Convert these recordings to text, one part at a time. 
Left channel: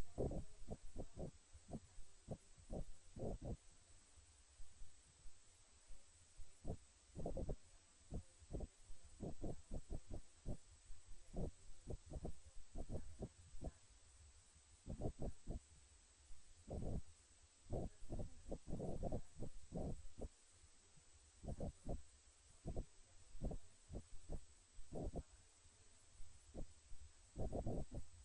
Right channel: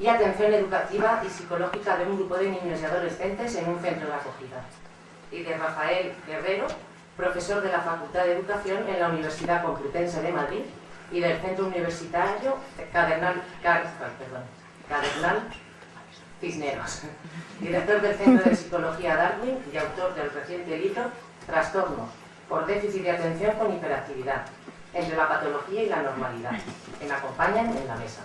y atención educativa y psicológica de un grupo de niños y adolescentes en un centro de acogida. Y de Rafael Guerrero, profesor de la Facultad de Educación en la Universidad Complutense de Madrid y del Centro Universitario Cardenal Cisneros, director del Centro de Psicología Darwin y autor del reciente libro Trastornos por déficit de atención con hiperactividad, entre la patología y la normalidad, que me acompañan en la mesa.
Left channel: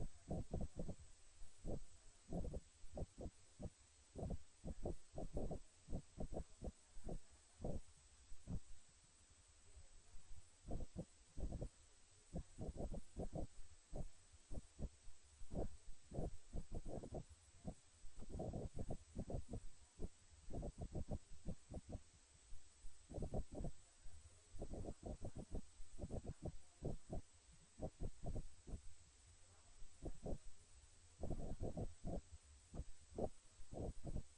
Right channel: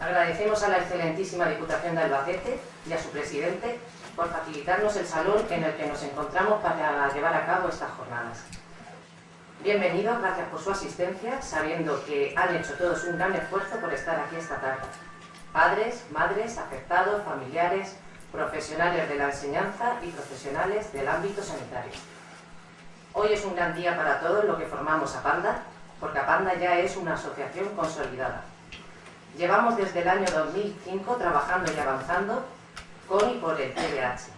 Agradecemos a la excelentísima Diputación de Albacete y a su presidente por facilitarnos el salón en el que nos encontramos para llevar a cabo estas jornadas. Bienvenidos, gracias por su asistencia, sabiendo que han hecho todos un gran esfuerzo por estar aquí esta tarde. Padres, madres, afectados, familiares, profesionales de la enseñanza y profesionales del ámbito sanitario. Hoy es un gran día para todos los que formamos APANDA, porque APANDA ya es una asociación consolidada. Llevamos desde el año 2005 trabajando y avanzando con y por el TDAH.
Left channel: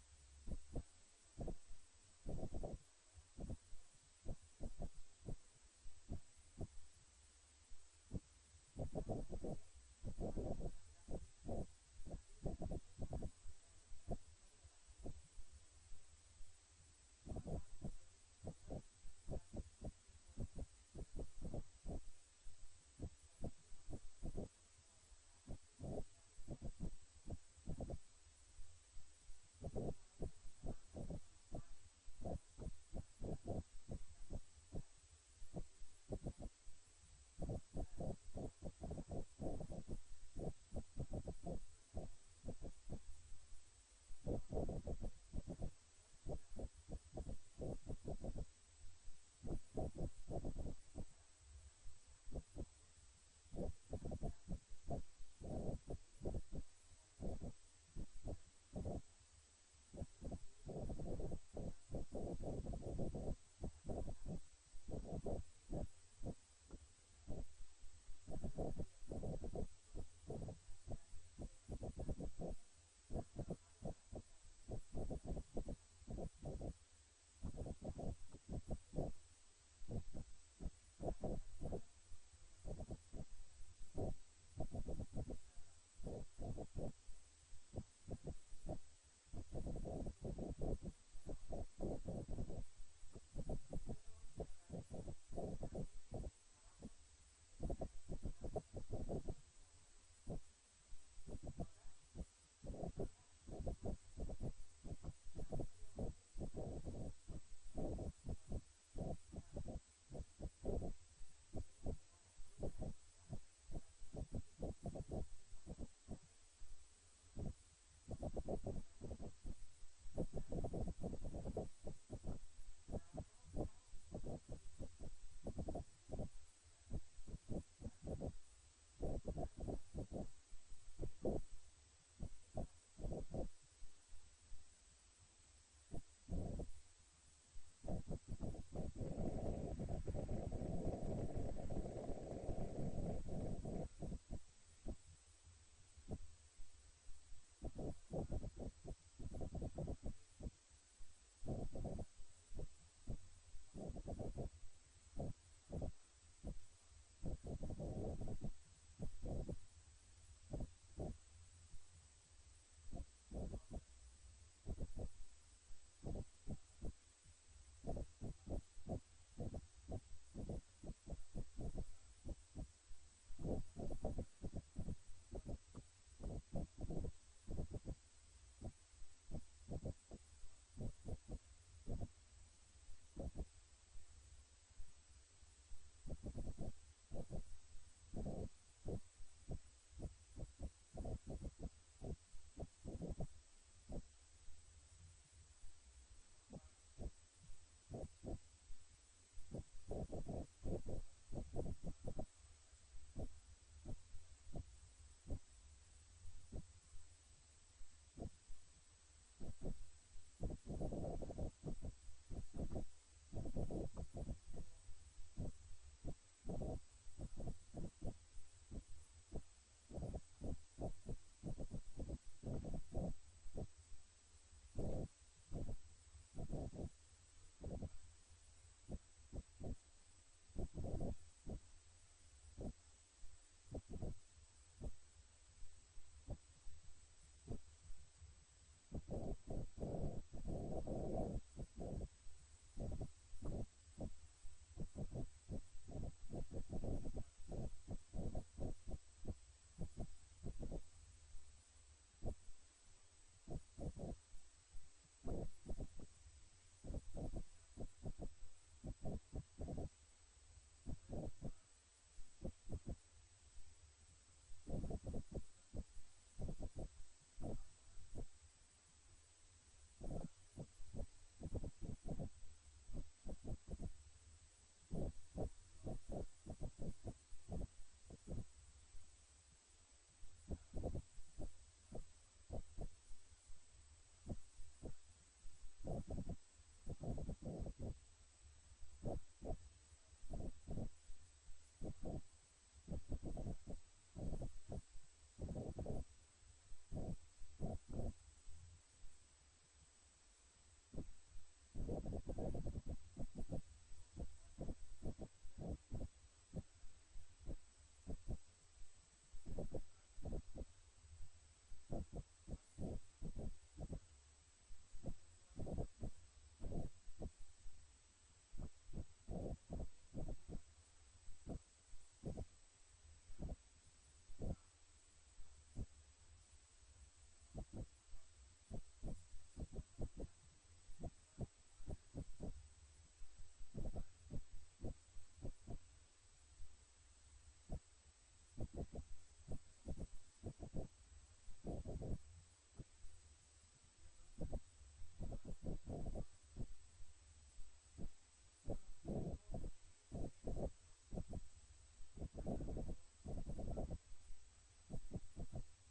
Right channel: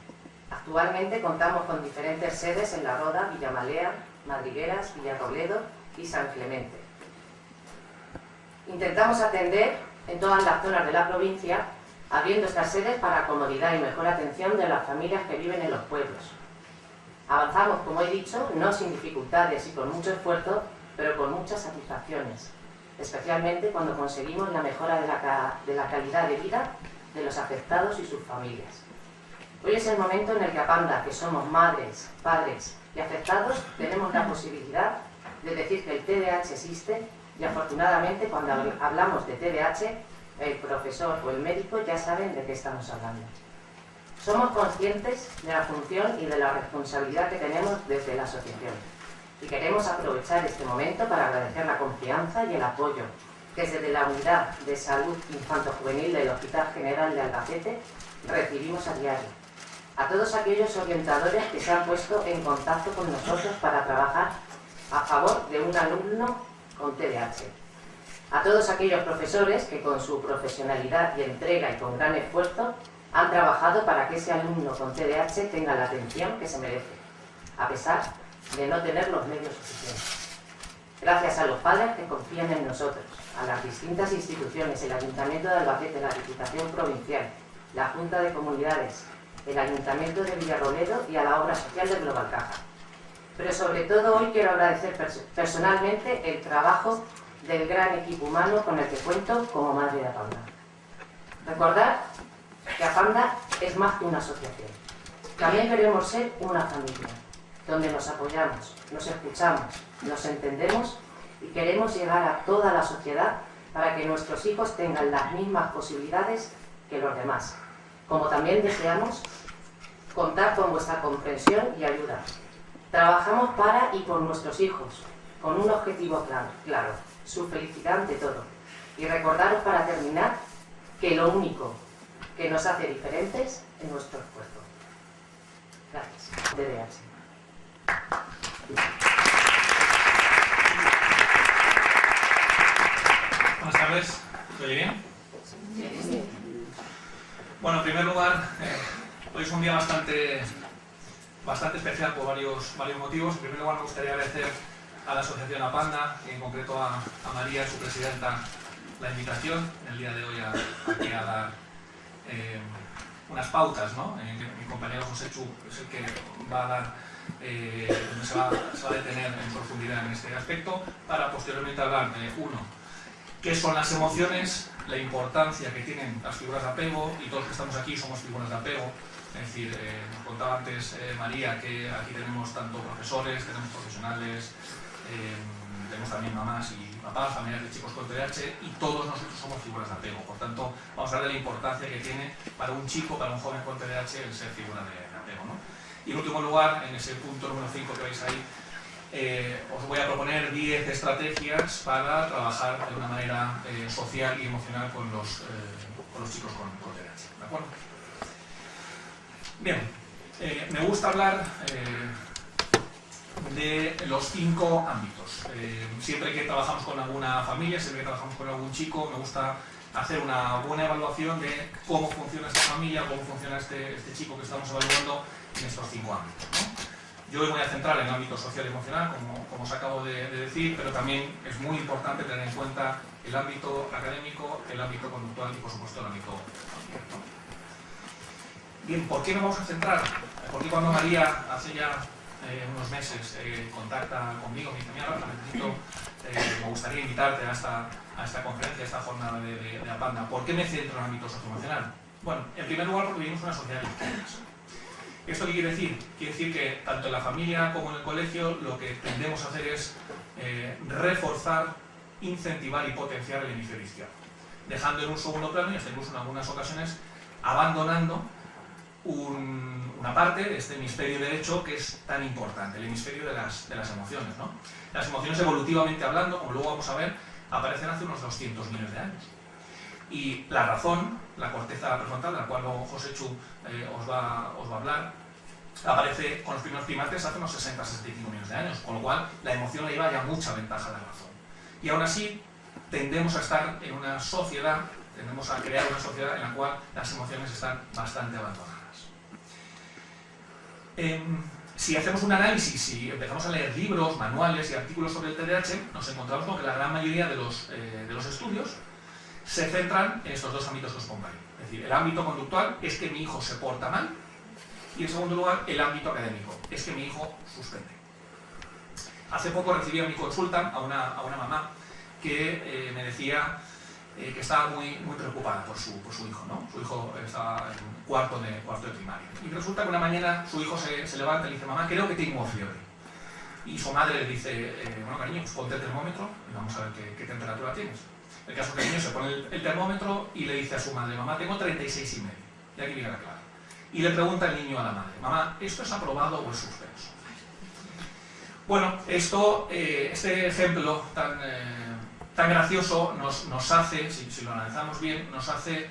Actualmente contamos con diferentes sedes en La Roda, Villamalea, Madrigueras, Villarrobledo y San Clemente. Intentamos atender en todas las zonas de la provincia, abriendo estas sedes para comodidad y mejor atención de las familias que viven en los pueblos. Avanzamos, como he dicho, no sin dificultades y con mucho esfuerzo, pero con muchas satisfacciones, especialmente cuando conseguimos la mejora de la calidad de vida de los afectados y sus familias. Hoy es el momento en el que APANDA, que somos madres, padres y afectados, tenemos la posibilidad de decir que el TDAH existe y afortunadamente cuando hablamos de TDAH, el profesor o el médico ya saben de qué estamos hablando. Somos conscientes de la función y de la responsabilidad que tenemos desde la asociación y queremos aprovechar este momento para agradecer la confianza y el apoyo que desde la Unidad de Salud Infanto-Juvenil del Hospital General de Albacete recibimos a diario. A todos aquellos orientadores que se han puesto en contacto con nosotros para trabajar a favor de un alumno con TDAH. A todos aquellos profesores que con su profesionalidad y entrega y con gran esfuerzo han trabajado para que ese alumno con TDAH tenga la atención que se merece, a pesar de no tener los medios suficientes. Gracias a los padres que confían en nosotros, a las distintas instituciones, el Ayuntamiento de Albacete, la Diputación Provincial, la Junta de Comunidades, el Ayuntamiento de Villarrobledo y a la obra social de Global Caja. Pero sobre todo hoy quiero agradecer personalmente el trabajo del gran equipo humano con el que cuento como madre de APANDA. Recordar que APANDA es más que una asociación. También queremos ser una familia, donde nos apoyamos, nos escuchamos, nos entendemos y queremos llegar a toda la sociedad para que nuestros hijos tengan las mismas posibilidades que los demás. Como también deseamos contar con vuestra comprensión y ayuda. Trabajamos para y por nuestros hijos, con un objetivo claro, su felicidad ante todo. Y recordaros para terminar que lo único que nos hace diferentes es nuestro esfuerzo. Gracias. TDAH. Buenas tardes. ¿Se oye bien? Sí. Bueno, en primer lugar, hoy es un día bastante especial por varios motivos. En primer lugar, me gustaría agradecer a la asociación APANDA, y en concreto a María, su presidenta, la invitación el día de hoy aquí a dar unas pautas, ¿no? Mi compañero José Chu es el que va a dar, se va a detener en profundidad en este aspecto, para posteriormente hablar de, uno, qué son las emociones, la importancia que tienen las figuras de apego, y todos los que estamos aquí somos figuras de apego. Es decir, nos contaba antes María que aquí tenemos tanto profesores, tenemos profesionales, tenemos también mamás y papás, familiares de chicos con TDAH, y todos nosotros somos figuras de apego. Por tanto, vamos a hablar de la importancia que tiene para un chico, para un joven con TDAH, el ser figura de apego, ¿no? Y en último lugar, en ese punto número 5 que veis ahí, os voy a proponer 10 estrategias para trabajar de una manera social y emocional con los chicos con TDAH. ¿De acuerdo? Bien, me gusta hablar de los 5 ámbitos. Siempre que trabajamos con alguna familia, siempre que trabajamos con algún chico, me gusta hacer una buena evaluación de cómo funciona esta familia, cómo funciona este chico que estamos evaluando en estos 5 ámbitos, ¿no? Yo me voy a centrar en el ámbito social y emocional, como os acabo de decir, pero también es muy importante tener en cuenta el ámbito académico, el ámbito conductual y, por supuesto, el ámbito familiar, ¿no? Bien, ¿por qué nos vamos a centrar? Porque cuando María, hace ya unos meses, contacta conmigo, me dice, mira, Rafa, me gustaría invitarte a esta conferencia, a esta jornada de Apanda. ¿Por qué me centro en el ámbito socioemocional? Bueno, en primer lugar, porque vivimos una sociedad de izquierdas. ¿Esto qué quiere decir? Quiere decir que tanto en la familia como en el colegio lo que tendemos a hacer es reforzar, incentivar y potenciar el hemisferio izquierdo, dejando en un segundo plano y hasta incluso en algunas ocasiones abandonando una parte de este hemisferio derecho que es tan importante, el hemisferio de las emociones, ¿no? Las emociones, evolutivamente hablando, como luego vamos a ver, aparecen hace unos 200 millones de años. Y la razón, la corteza prefrontal, de la cual luego Joséchu os va a hablar, aparece con los primeros primates hace unos 60-65 millones de años, con lo cual la emoción le lleva ya mucha ventaja a la razón. Y aún así, tendemos a estar en una sociedad, tendemos a crear una sociedad en la cual las emociones están bastante abandonadas. Si hacemos un análisis, si empezamos a leer libros, manuales y artículos sobre el TDAH, nos encontramos con que la gran mayoría de los estudios se centran en estos dos ámbitos que os pongo ahí. Es decir, el ámbito conductual es que mi hijo se porta mal y, en segundo lugar, el ámbito académico es que mi hijo suspende. Hace poco recibí a mi consulta a una mamá que me decía que estaba muy preocupada por su hijo, ¿no? Su hijo estaba en cuarto de primaria. Y resulta que una mañana su hijo se levanta y le dice, mamá, creo que tengo fiebre. Y su madre le dice, bueno, cariño, pues ponte el termómetro y vamos a ver qué temperatura tienes. El caso es que el niño se pone el termómetro y le dice a su madre, mamá, tengo 36,5. Y aquí viene la clave. Y le pregunta el niño a la madre, mamá, ¿esto es aprobado o es suspenso? Bueno, este ejemplo tan gracioso nos hace, si lo analizamos bien, nos hace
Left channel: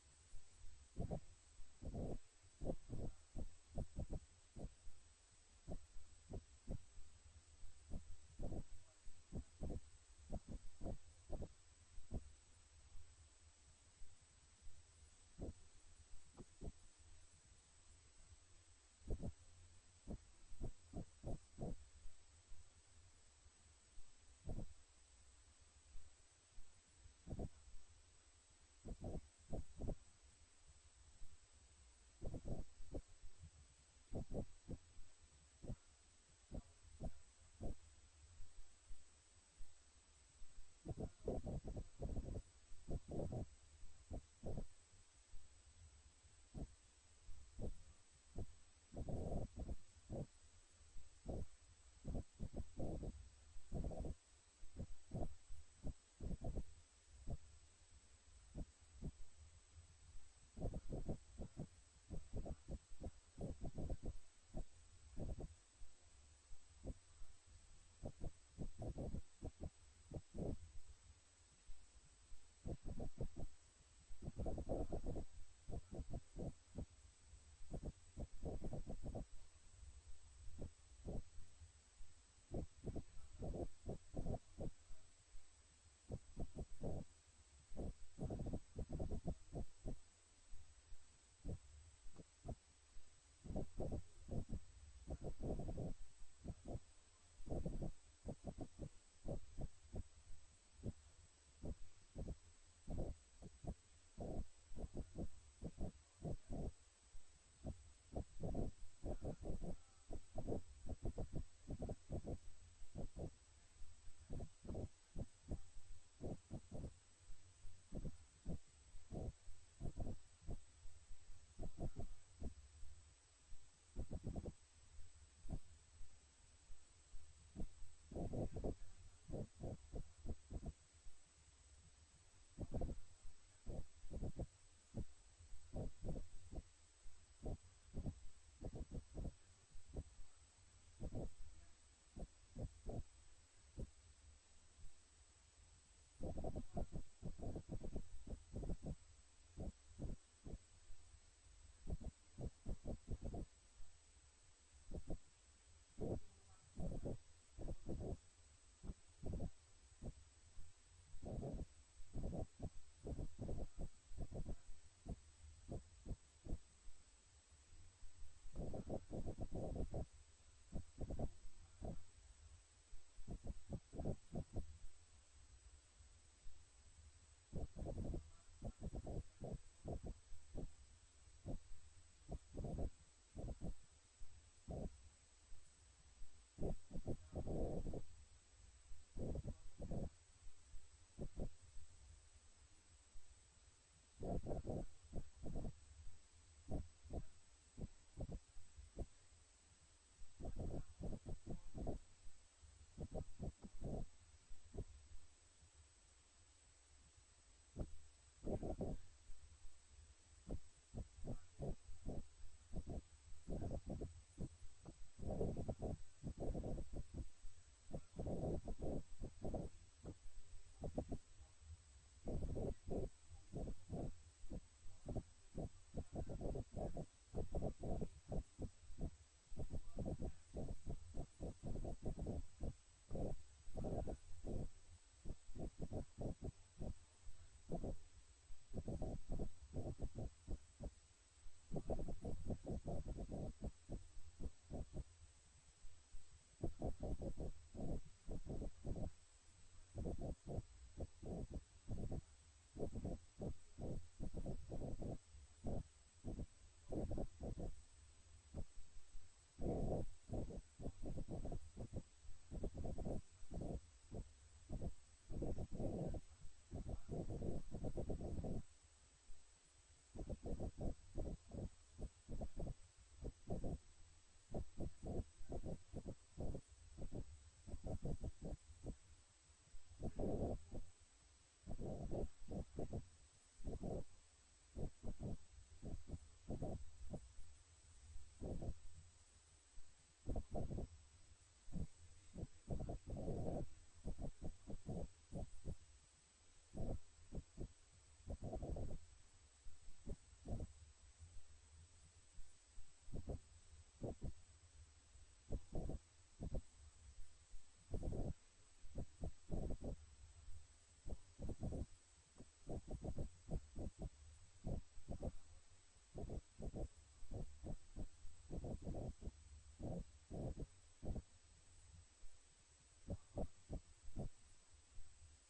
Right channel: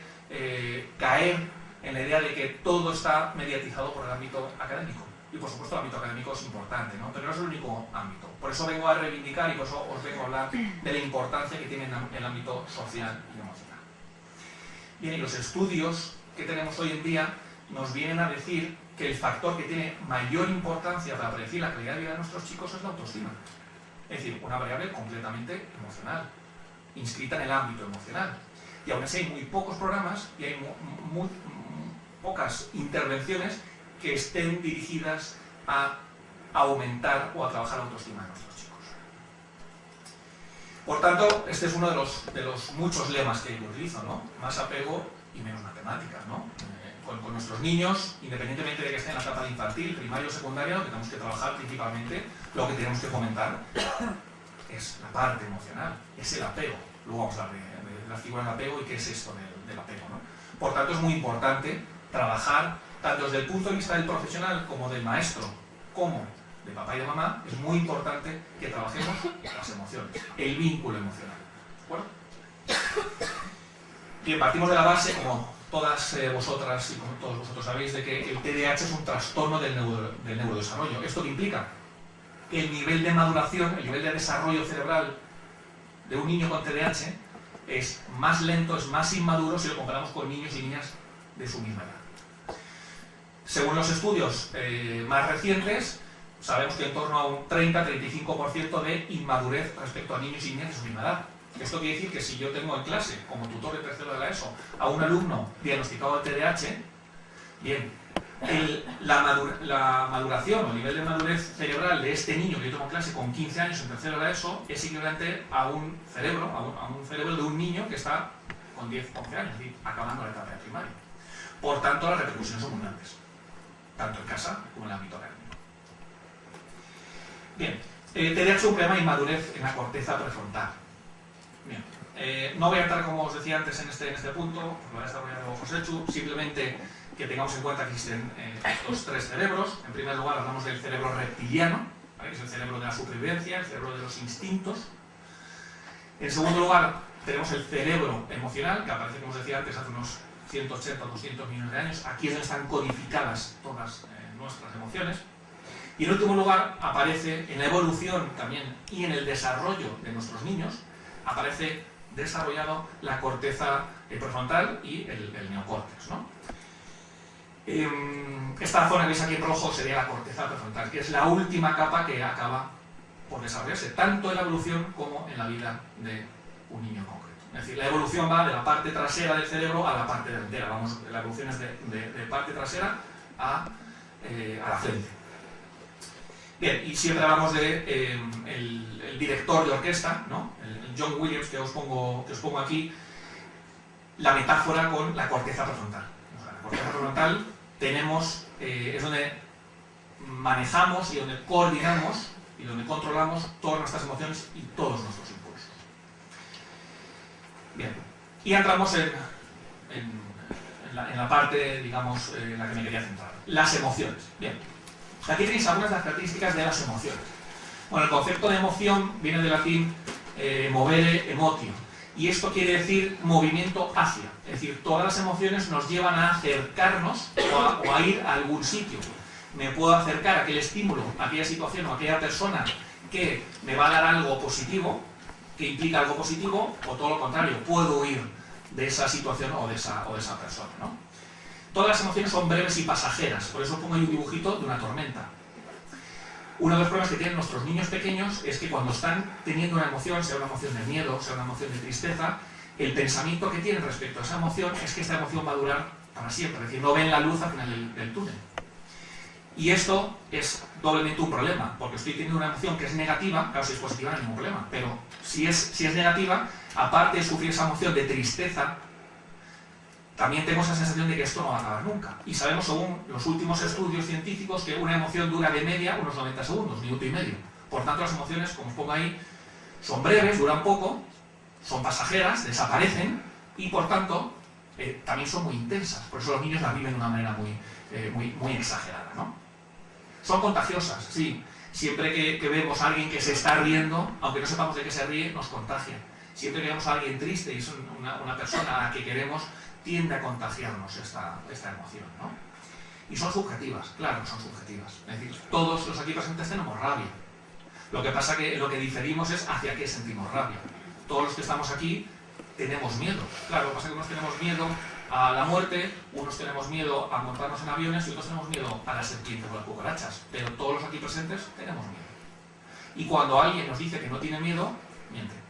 caer en la idea de que todo está mediatizado por el ámbito académico. Y por supuesto el ámbito académico es importante, ¿no? Pero no es el único ámbito. Por eso vengo a reivindicar y por eso os vengo a hablar de la importancia que tiene el ámbito social y emocional. Bien, y los estudios que tenemos hoy en día nos vienen a decir que el factor que tiene mayor importancia para predecir la calidad de vida de nuestros chicos es la autoestima. Es decir, una variable completamente emocional, inscrita en el ámbito emocional. Y aún así hay muy pocos programas y hay muy pocas intervenciones que estén dirigidas a aumentar o a trabajar la autoestima de nuestros chicos. Por tanto, este es uno de los muchos lemas que yo utilizo, ¿no? Más apego y menos matemáticas, ¿no? Con nuestros niños, independientemente de que estén en la etapa de infantil, primaria o secundaria, lo que tenemos que trabajar principalmente, lo que tenemos que fomentar es la parte emocional, es el apego. Luego vamos a hablar de la figura del apego y qué es esto del apego, ¿no? Por tanto, es muy importante trabajar, tanto desde el punto de vista del profesional como del maestro, como de papá y de mamá, es muy importante que trabajemos las emociones, el vínculo emocional. ¿De acuerdo? Bien, partimos de la base, como todas vosotras y como todos vosotros sabéis, de que el TDAH es un trastorno del neurodesarrollo. ¿Esto qué implica? Que el nivel de maduración, el nivel de desarrollo cerebral de un niño con TDAH es más lento, es más inmaduro si lo comparamos con niños y niñas de su misma edad. Según los estudios más recientes, sabemos que en torno a un 30-35% de inmadurez respecto a niños y niñas de su misma edad. Esto quiere decir que si yo tengo en clase, como tutor de tercero de la ESO, a un alumno diagnosticado de TDAH, bien, la maduración o el nivel de madurez cerebral de este niño que yo tengo en clase con 15 años en tercero de la ESO es equivalente a un cerebro de un niño que está con 10 o 11 años, es decir, acabando la etapa de primaria. Por tanto, las repercusiones son muy grandes, tanto en casa como en el ámbito académico. Bien, TDAH es un problema de inmadurez en la corteza prefrontal. Bien, no voy a entrar, como os decía antes, en este punto, lo va a desarrollar luego Joséchu, simplemente que tengamos en cuenta que existen estos tres cerebros. En primer lugar, hablamos del cerebro reptiliano, ¿vale? Que es el cerebro de la supervivencia, el cerebro de los instintos. En segundo lugar, tenemos el cerebro emocional, que aparece, como os decía antes, hace unos 180 o 200 millones de años. Aquí es donde están codificadas todas nuestras emociones. Y en último lugar, aparece en la evolución también y en el desarrollo de nuestros niños, aparece desarrollado la corteza prefrontal y el neocórtex, ¿no? Esta zona que veis aquí en rojo sería la corteza prefrontal, que es la última capa que acaba por desarrollarse, tanto en la evolución como en la vida de un niño concreto. Es decir, la evolución va de la parte trasera del cerebro a la parte delantera. Vamos, la evolución es de parte trasera a la frente. Bien, y siempre hablamos de el director de orquesta, ¿no? El John Williams, que os pongo aquí, la metáfora con la corteza prefrontal. O sea, la corteza prefrontal es donde manejamos y donde coordinamos y donde controlamos todas nuestras emociones y todos nuestros impulsos. Bien, y entramos en la parte, digamos, en la que me quería centrar. Las emociones. Bien, aquí tenéis algunas de las características de las emociones. Bueno, el concepto de emoción viene del latín movere emotio, y esto quiere decir movimiento hacia. Es decir, todas las emociones nos llevan a acercarnos o a ir a algún sitio. Me puedo acercar a aquel estímulo, a aquella situación o a aquella persona que me va a dar algo positivo, que implica algo positivo, o todo lo contrario, puedo huir de esa situación o de esa persona, ¿no? Todas las emociones son breves y pasajeras, por eso pongo ahí un dibujito de una tormenta. Uno de los problemas que tienen nuestros niños pequeños es que cuando están teniendo una emoción, sea una emoción de miedo, sea una emoción de tristeza, el pensamiento que tienen respecto a esa emoción es que esta emoción va a durar para siempre, es decir, no ven la luz al final del túnel. Y esto es doblemente un problema, porque estoy teniendo una emoción que es negativa, claro, si es positiva no hay ningún problema, pero si es negativa, aparte de sufrir esa emoción de tristeza, también tengo esa sensación de que esto no va a acabar nunca. Y sabemos, según los últimos estudios científicos, que una emoción dura de media unos 90 segundos, minuto y medio. Por tanto, las emociones, como os pongo ahí, son breves, duran poco, son pasajeras, desaparecen y, por tanto, también son muy intensas. Por eso los niños las viven de una manera muy exagerada, ¿no? Son contagiosas, sí. Siempre que vemos a alguien que se está riendo, aunque no sepamos de qué se ríe, nos contagia. Siempre que vemos a alguien triste y es una persona a la que queremos, tiende a contagiarnos esta emoción, ¿no? Y son subjetivas, claro, son subjetivas. Es decir, todos los aquí presentes tenemos rabia. Lo que pasa que lo que diferimos es hacia qué sentimos rabia. Todos los que estamos aquí tenemos miedo. Claro, lo que pasa es que unos tenemos miedo a la muerte, unos tenemos miedo a montarnos en aviones y otros tenemos miedo a las serpientes o las cucarachas. Pero todos los aquí presentes tenemos miedo. Y cuando alguien nos dice que no tiene miedo, miente.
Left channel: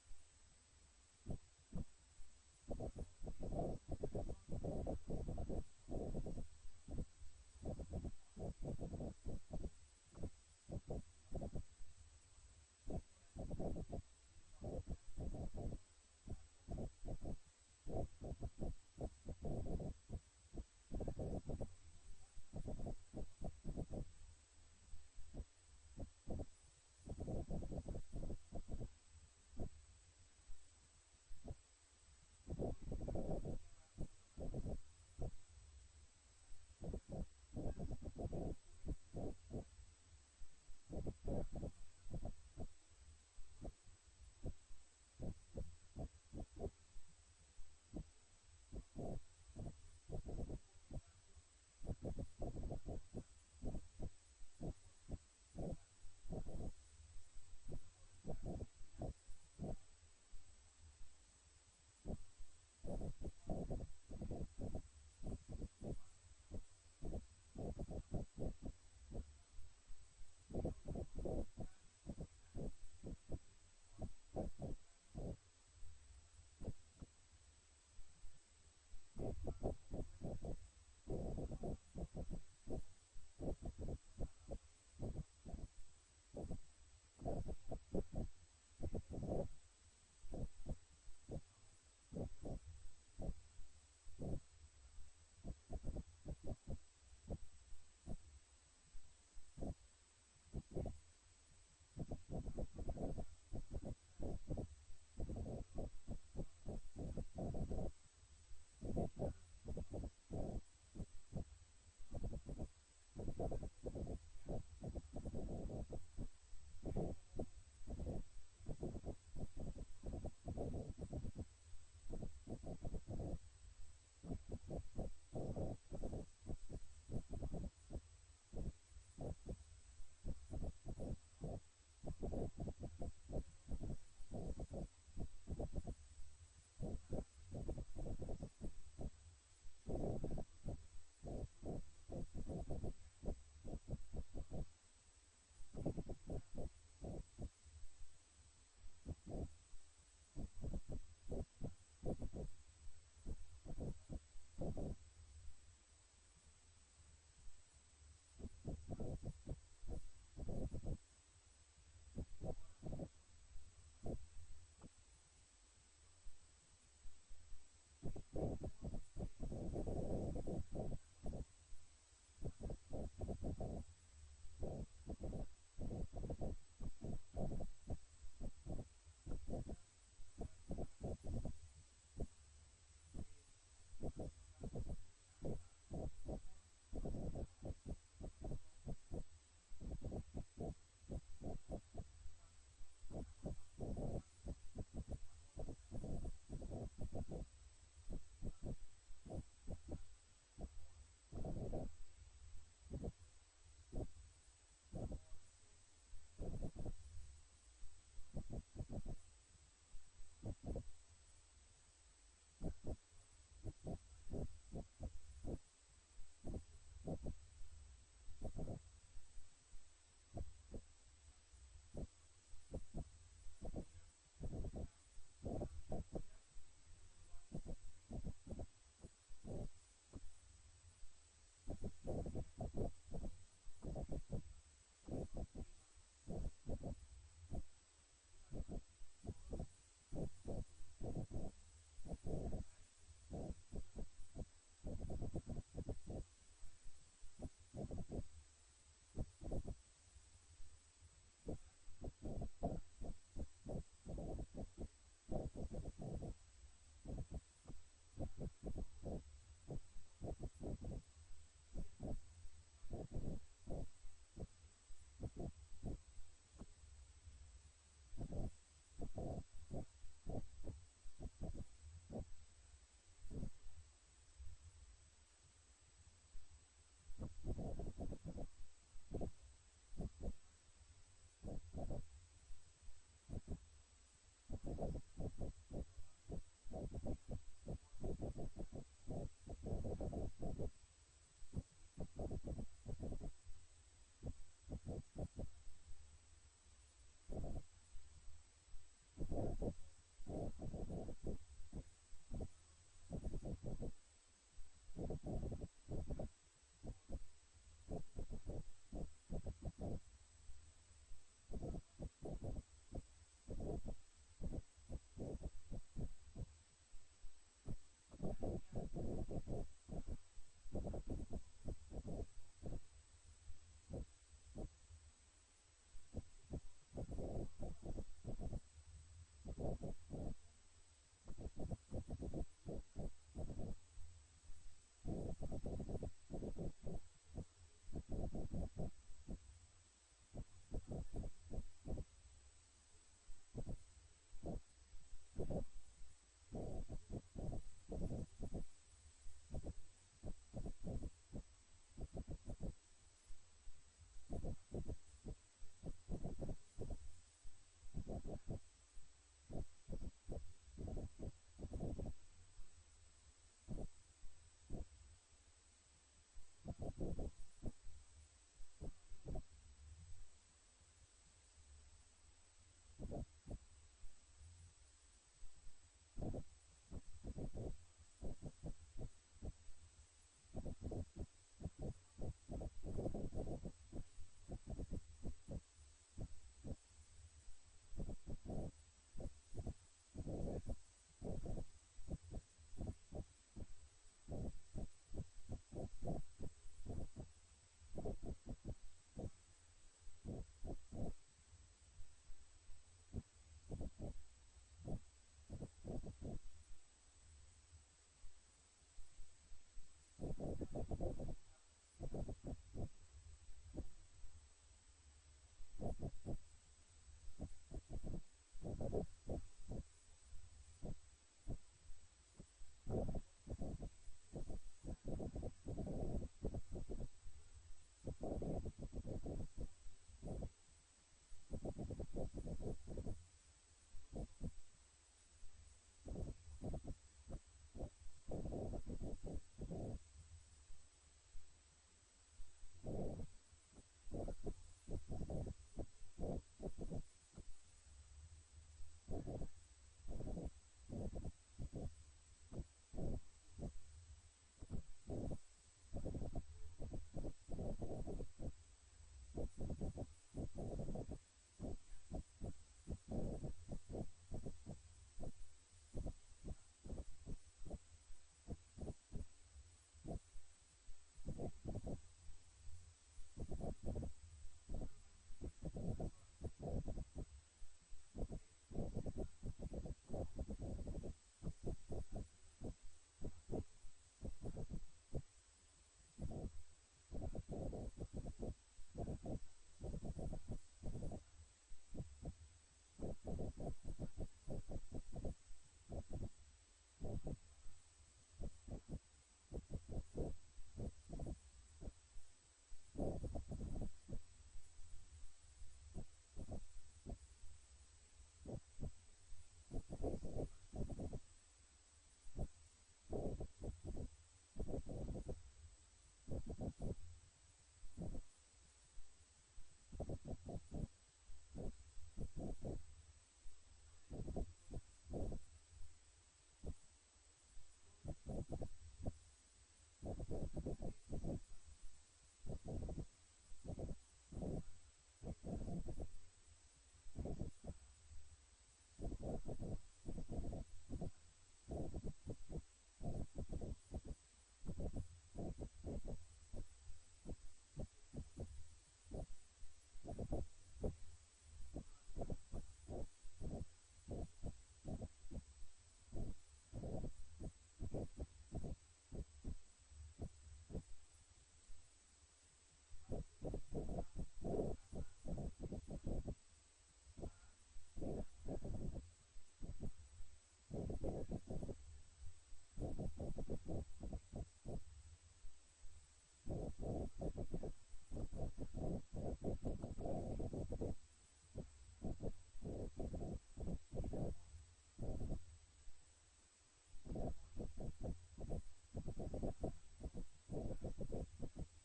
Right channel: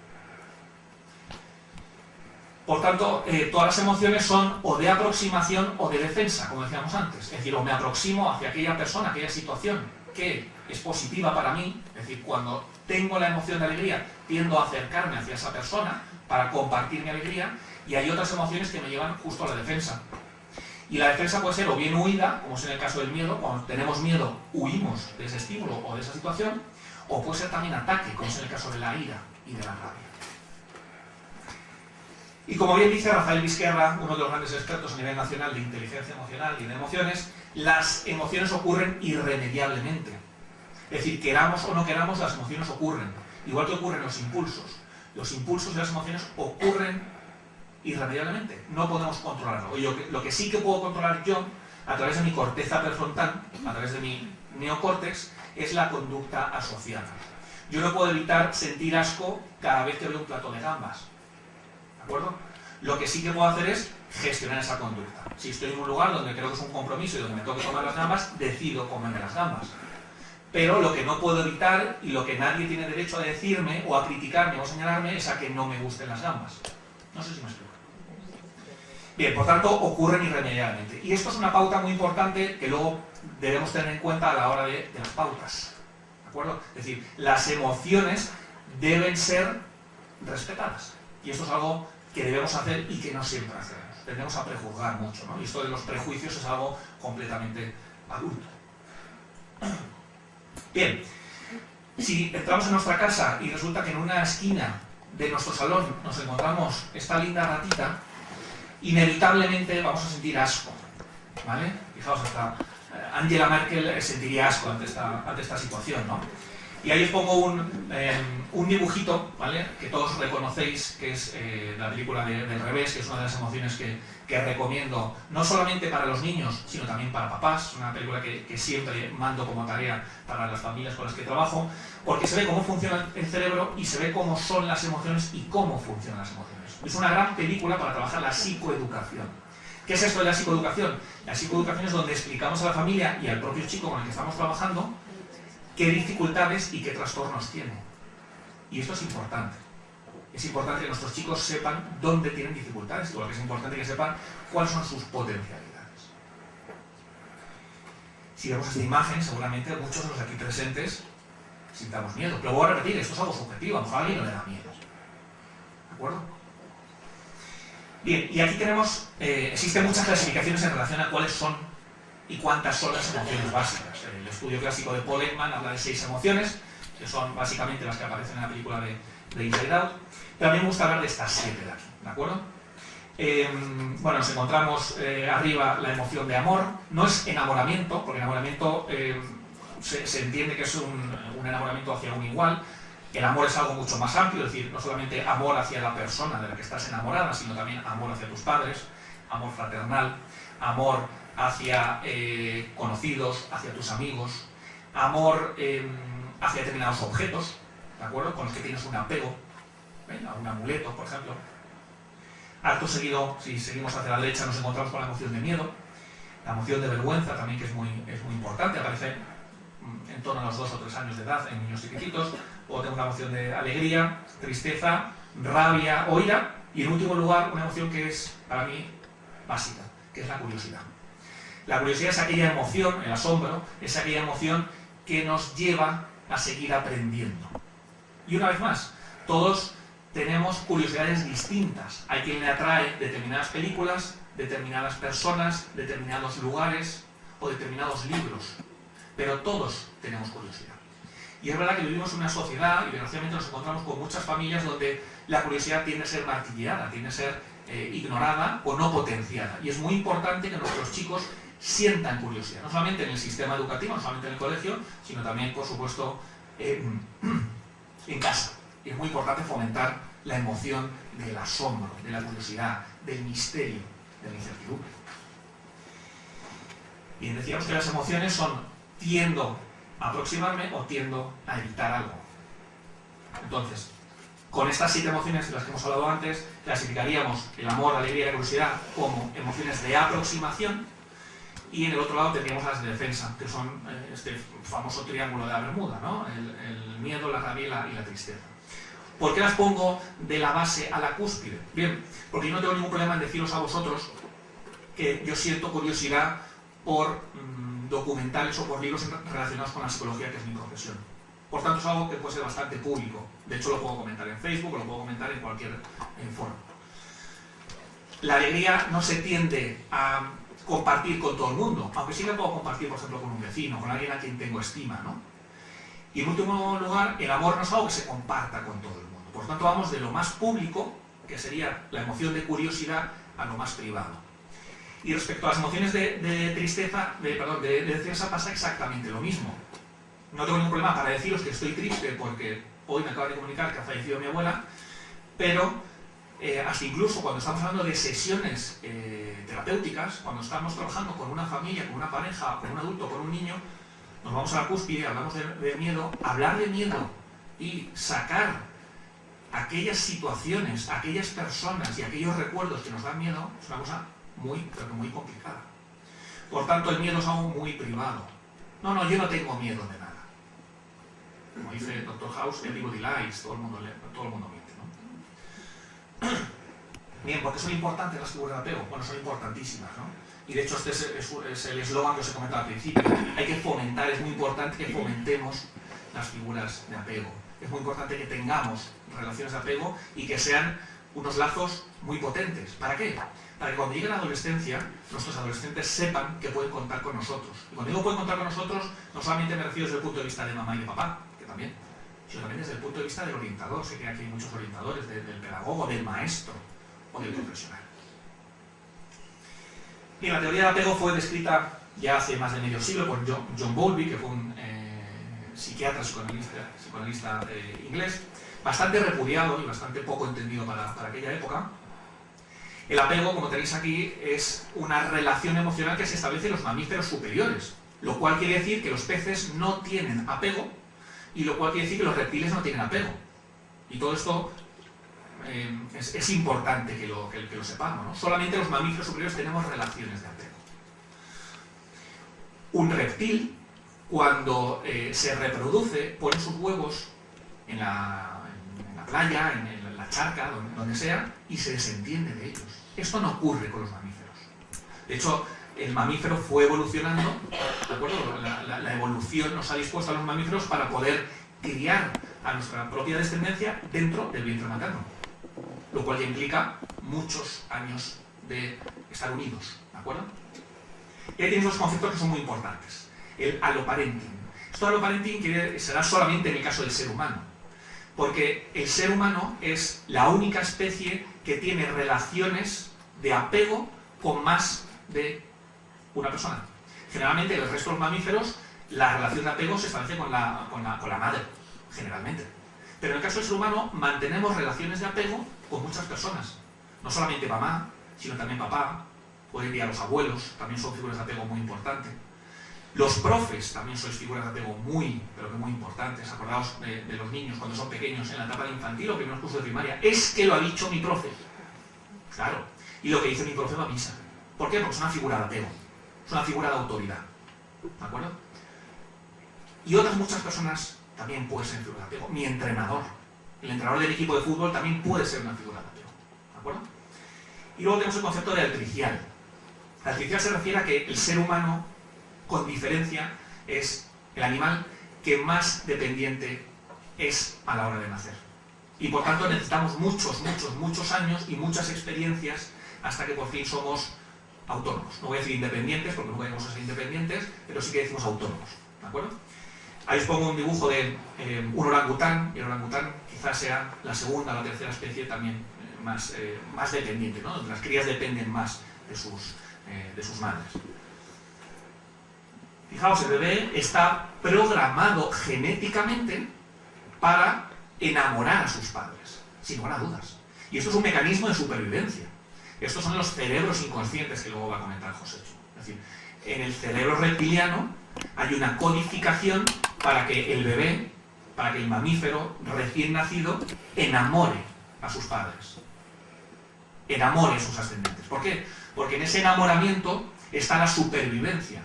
Por tanto, todas las emociones son o de aproximación o de defensa, como decíamos antes. Es decir, o me aproximo hacia aquella persona, aquella situación que es positiva para mí. Es decir, cuando tengo la emoción de alegría, tiendo a acercarme hacia esa persona para compartir mi alegría. Y hay otras emociones que me llevan justo a la defensa. Y la defensa puede ser o bien huida, como es en el caso del miedo. Cuando tenemos miedo, huimos de ese estímulo o de esa situación. O puede ser también ataque, como es en el caso de la ira y de la rabia. Y como bien dice Rafael Vizquerra, uno de los grandes expertos a nivel nacional de inteligencia emocional y de emociones, las emociones ocurren irremediablemente. Es decir, queramos o no queramos, las emociones ocurren. Igual que ocurren los impulsos. Los impulsos y las emociones ocurren irremediablemente. No podemos controlarlo. Lo que sí que puedo controlar yo, a través de mi corteza prefrontal, a través de mi neocórtex, es la conducta asociada. Yo no puedo evitar sentir asco cada vez que veo un plato de gambas. ¿De acuerdo? Lo que sí que puedo hacer es gestionar esa conducta. Si estoy en un lugar donde creo que es un compromiso y donde me tengo que tomar las gambas, decido comerme las gambas. Pero lo que no puedo evitar y lo que nadie tiene derecho a decirme o a criticarme o a señalarme es a que no me gusten las gambas. No sé si me explico. Bien, por tanto, ocurren irremediablemente. Y esto es una pauta muy importante que luego debemos tener en cuenta a la hora de las pautas. ¿De acuerdo? Es decir, las emociones deben ser respetadas. Y esto es algo que debemos hacer y que no siempre hacemos. Tendemos a prejuzgar mucho, ¿no? Y esto de los prejuicios es algo completamente adulto. Bien, si entramos en nuestra casa y resulta que en una esquina de nuestro salón nos encontramos esta linda ratita, inevitablemente vamos a sentir asco, ¿vale? Fijaos, hasta Angela Merkel sentiría asco ante esta situación, ¿no? Y ahí os pongo un dibujito, ¿vale? Que todos reconocéis, que es la película del revés, que es una de las emociones que recomiendo, no solamente para los niños, sino también para papás. Es una película que siempre mando como tarea para las familias con las que trabajo, porque se ve cómo funciona el cerebro y se ve cómo son las emociones y cómo funcionan las emociones. Es una gran película para trabajar la psicoeducación. ¿Qué es esto de la psicoeducación? La psicoeducación es donde explicamos a la familia y al propio chico con el que estamos trabajando qué dificultades y qué trastornos tiene. Y esto es importante. es importante que nuestros chicos sepan dónde tienen dificultades, igual que es importante que sepan cuáles son sus potencialidades. Si vemos esta imagen, seguramente muchos de los aquí presentes sintamos miedo. Pero voy a repetir, esto es algo subjetivo, a lo mejor a alguien no le da miedo. ¿De acuerdo? Bien, y aquí tenemos, existen muchas clasificaciones en relación a cuáles son y cuántas son las emociones básicas. El estudio clásico de Paul Ekman habla de 6 emociones, que son básicamente las que aparecen en la película de Inside Out. Pero a mí me gusta hablar de estas 7 de aquí, ¿de acuerdo? Bueno, nos encontramos arriba la emoción de amor. No es enamoramiento, porque enamoramiento se entiende que es un enamoramiento hacia un igual. El amor es algo mucho más amplio, es decir, no solamente amor hacia la persona de la que estás enamorada, sino también amor hacia tus padres, amor fraternal, amor hacia conocidos, hacia tus amigos, amor hacia determinados objetos, ¿de acuerdo? Con los que tienes un apego, a un amuleto, por ejemplo. Acto seguido, si seguimos hacia la derecha, nos encontramos con la emoción de miedo, la emoción de vergüenza también, que es muy importante, aparece en torno a los 2 o 3 años de edad en niños chiquititos. O tengo una emoción de alegría, tristeza, rabia o ira, y en último lugar una emoción que es para mí básica, que es la curiosidad. La curiosidad es aquella emoción, el asombro, es aquella emoción que nos lleva a seguir aprendiendo. Y una vez más, todos tenemos curiosidades distintas. Hay quien le atrae determinadas películas, determinadas personas, determinados lugares o determinados libros, pero todos tenemos curiosidad. Y es verdad que vivimos en una sociedad, y desgraciadamente nos encontramos con muchas familias donde la curiosidad tiende a ser martillada, tiende a ser ignorada o no potenciada. Y es muy importante que nuestros chicos sientan curiosidad, no solamente en el sistema educativo, no solamente en el colegio, sino también, por supuesto, en casa. Y es muy importante fomentar la emoción del asombro, de la curiosidad, del misterio, de la incertidumbre. Bien, decíamos que las emociones son tiendo a aproximarme o tiendo a evitar algo. Entonces, con estas 7 emociones de las que hemos hablado antes, clasificaríamos el amor, la alegría y la curiosidad como emociones de aproximación, y en el otro lado tendríamos las de defensa, que son este famoso triángulo de la Bermuda, ¿no? El miedo, la rabia y la tristeza. ¿Por qué las pongo de la base a la cúspide? Bien, porque yo no tengo ningún problema en deciros a vosotros que yo siento curiosidad por documentales o por libros relacionados con la psicología, que es mi profesión. Por tanto, es algo que puede ser bastante público. De hecho, lo puedo comentar en Facebook o lo puedo comentar en cualquier foro. La alegría no se tiende a compartir con todo el mundo, aunque sí la puedo compartir, por ejemplo, con un vecino, con alguien a quien tengo estima, ¿no? Y en último lugar, el amor no es algo que se comparta con todo el mundo. Por tanto, vamos de lo más público, que sería la emoción de curiosidad, a lo más privado. Y respecto a las emociones de tristeza, de defensa, pasa exactamente lo mismo. No tengo ningún problema para deciros que estoy triste porque hoy me acaba de comunicar que ha fallecido mi abuela, pero hasta incluso cuando estamos hablando de sesiones terapéuticas, cuando estamos trabajando con una familia, con una pareja, con un adulto, con un niño, nos vamos a la cúspide, hablamos de miedo. Hablar de miedo y sacar aquellas situaciones, aquellas personas y aquellos recuerdos que nos dan miedo es una cosa pero muy complicada. Por tanto, el miedo es algo muy privado. No, yo no tengo miedo de nada. Como dice Dr. House, everybody lies, todo el mundo miente, ¿no? Bien, ¿por qué son importantes las figuras de apego? Bueno, son importantísimas, ¿no? Y de hecho este es el eslogan que os he comentado al principio. Hay que fomentar, es muy importante que fomentemos las figuras de apego. Es muy importante que tengamos relaciones de apego y que sean unos lazos muy potentes. ¿Para qué? Para que cuando llegue la adolescencia, nuestros adolescentes sepan que pueden contar con nosotros. Y cuando digo pueden contar con nosotros, no solamente me refiero desde el punto de vista de mamá y de papá, que también, sino también desde el punto de vista del orientador. Sé que aquí hay muchos orientadores, del pedagogo, del maestro o del profesional. Bien, la teoría del apego fue descrita ya hace más de medio siglo por John Bowlby, que fue un psiquiatra psicoanalista inglés, bastante repudiado y bastante poco entendido para aquella época. El apego, como tenéis aquí, es una relación emocional que se establece en los mamíferos superiores, lo cual quiere decir que los peces no tienen apego y lo cual quiere decir que los reptiles no tienen apego. Y todo esto es importante que lo sepamos, ¿no? Solamente los mamíferos superiores tenemos relaciones de apego. Un reptil, cuando se reproduce, pone sus huevos en la playa, en la charca, donde sea, y se desentiende de ellos. Esto no ocurre con los mamíferos. De hecho, el mamífero fue evolucionando, ¿de acuerdo? La evolución nos ha dispuesto a los mamíferos para poder criar a nuestra propia descendencia dentro del vientre materno, lo cual ya implica muchos años de estar unidos, ¿de acuerdo? Y ahí tienes dos conceptos que son muy importantes. El aloparenting. Esto de aloparenting será solamente en el caso del ser humano, porque el ser humano es la única especie que tiene relaciones de apego con más de una persona. Generalmente, el resto de los mamíferos, la relación de apego se establece con la madre, generalmente. Pero en el caso del ser humano, mantenemos relaciones de apego con muchas personas. No solamente mamá, sino también papá, hoy en día los abuelos, también son figuras de apego muy importantes. Los profes también sois figuras de apego muy, pero que muy importantes. Acordaos de los niños cuando son pequeños, en la etapa de infantil o primeros cursos de primaria. Es que lo ha dicho mi profe. Claro. Y lo que dice mi profe va a misa. ¿Por qué? Porque es una figura de apego. Es una figura de autoridad. ¿De acuerdo? Y otras muchas personas también pueden ser figuras de apego. Mi entrenador. El entrenador del equipo de fútbol también puede ser una figura de apego. ¿De acuerdo? Y luego tenemos el concepto de altricial. La altricial se refiere a que el ser humano, con diferencia, es el animal que más dependiente es a la hora de nacer. Y por tanto necesitamos muchos años y muchas experiencias hasta que por fin somos autónomos. No voy a decir independientes, porque nunca vamos a ser independientes, pero sí que decimos autónomos. ¿De acuerdo? Ahí os pongo un dibujo de un orangután, y el orangután quizás sea la segunda o la tercera especie también más dependiente, ¿no? Las crías dependen más de sus madres. Fijaos, el bebé está programado genéticamente para enamorar a sus padres, sin lugar a dudas. Y esto es un mecanismo de supervivencia. Estos son los cerebros inconscientes que luego va a comentar José. Es decir, en el cerebro reptiliano hay una codificación para que el bebé, para que el mamífero recién nacido enamore a sus padres, enamore a sus ascendentes. ¿Por qué? Porque en ese enamoramiento está la supervivencia.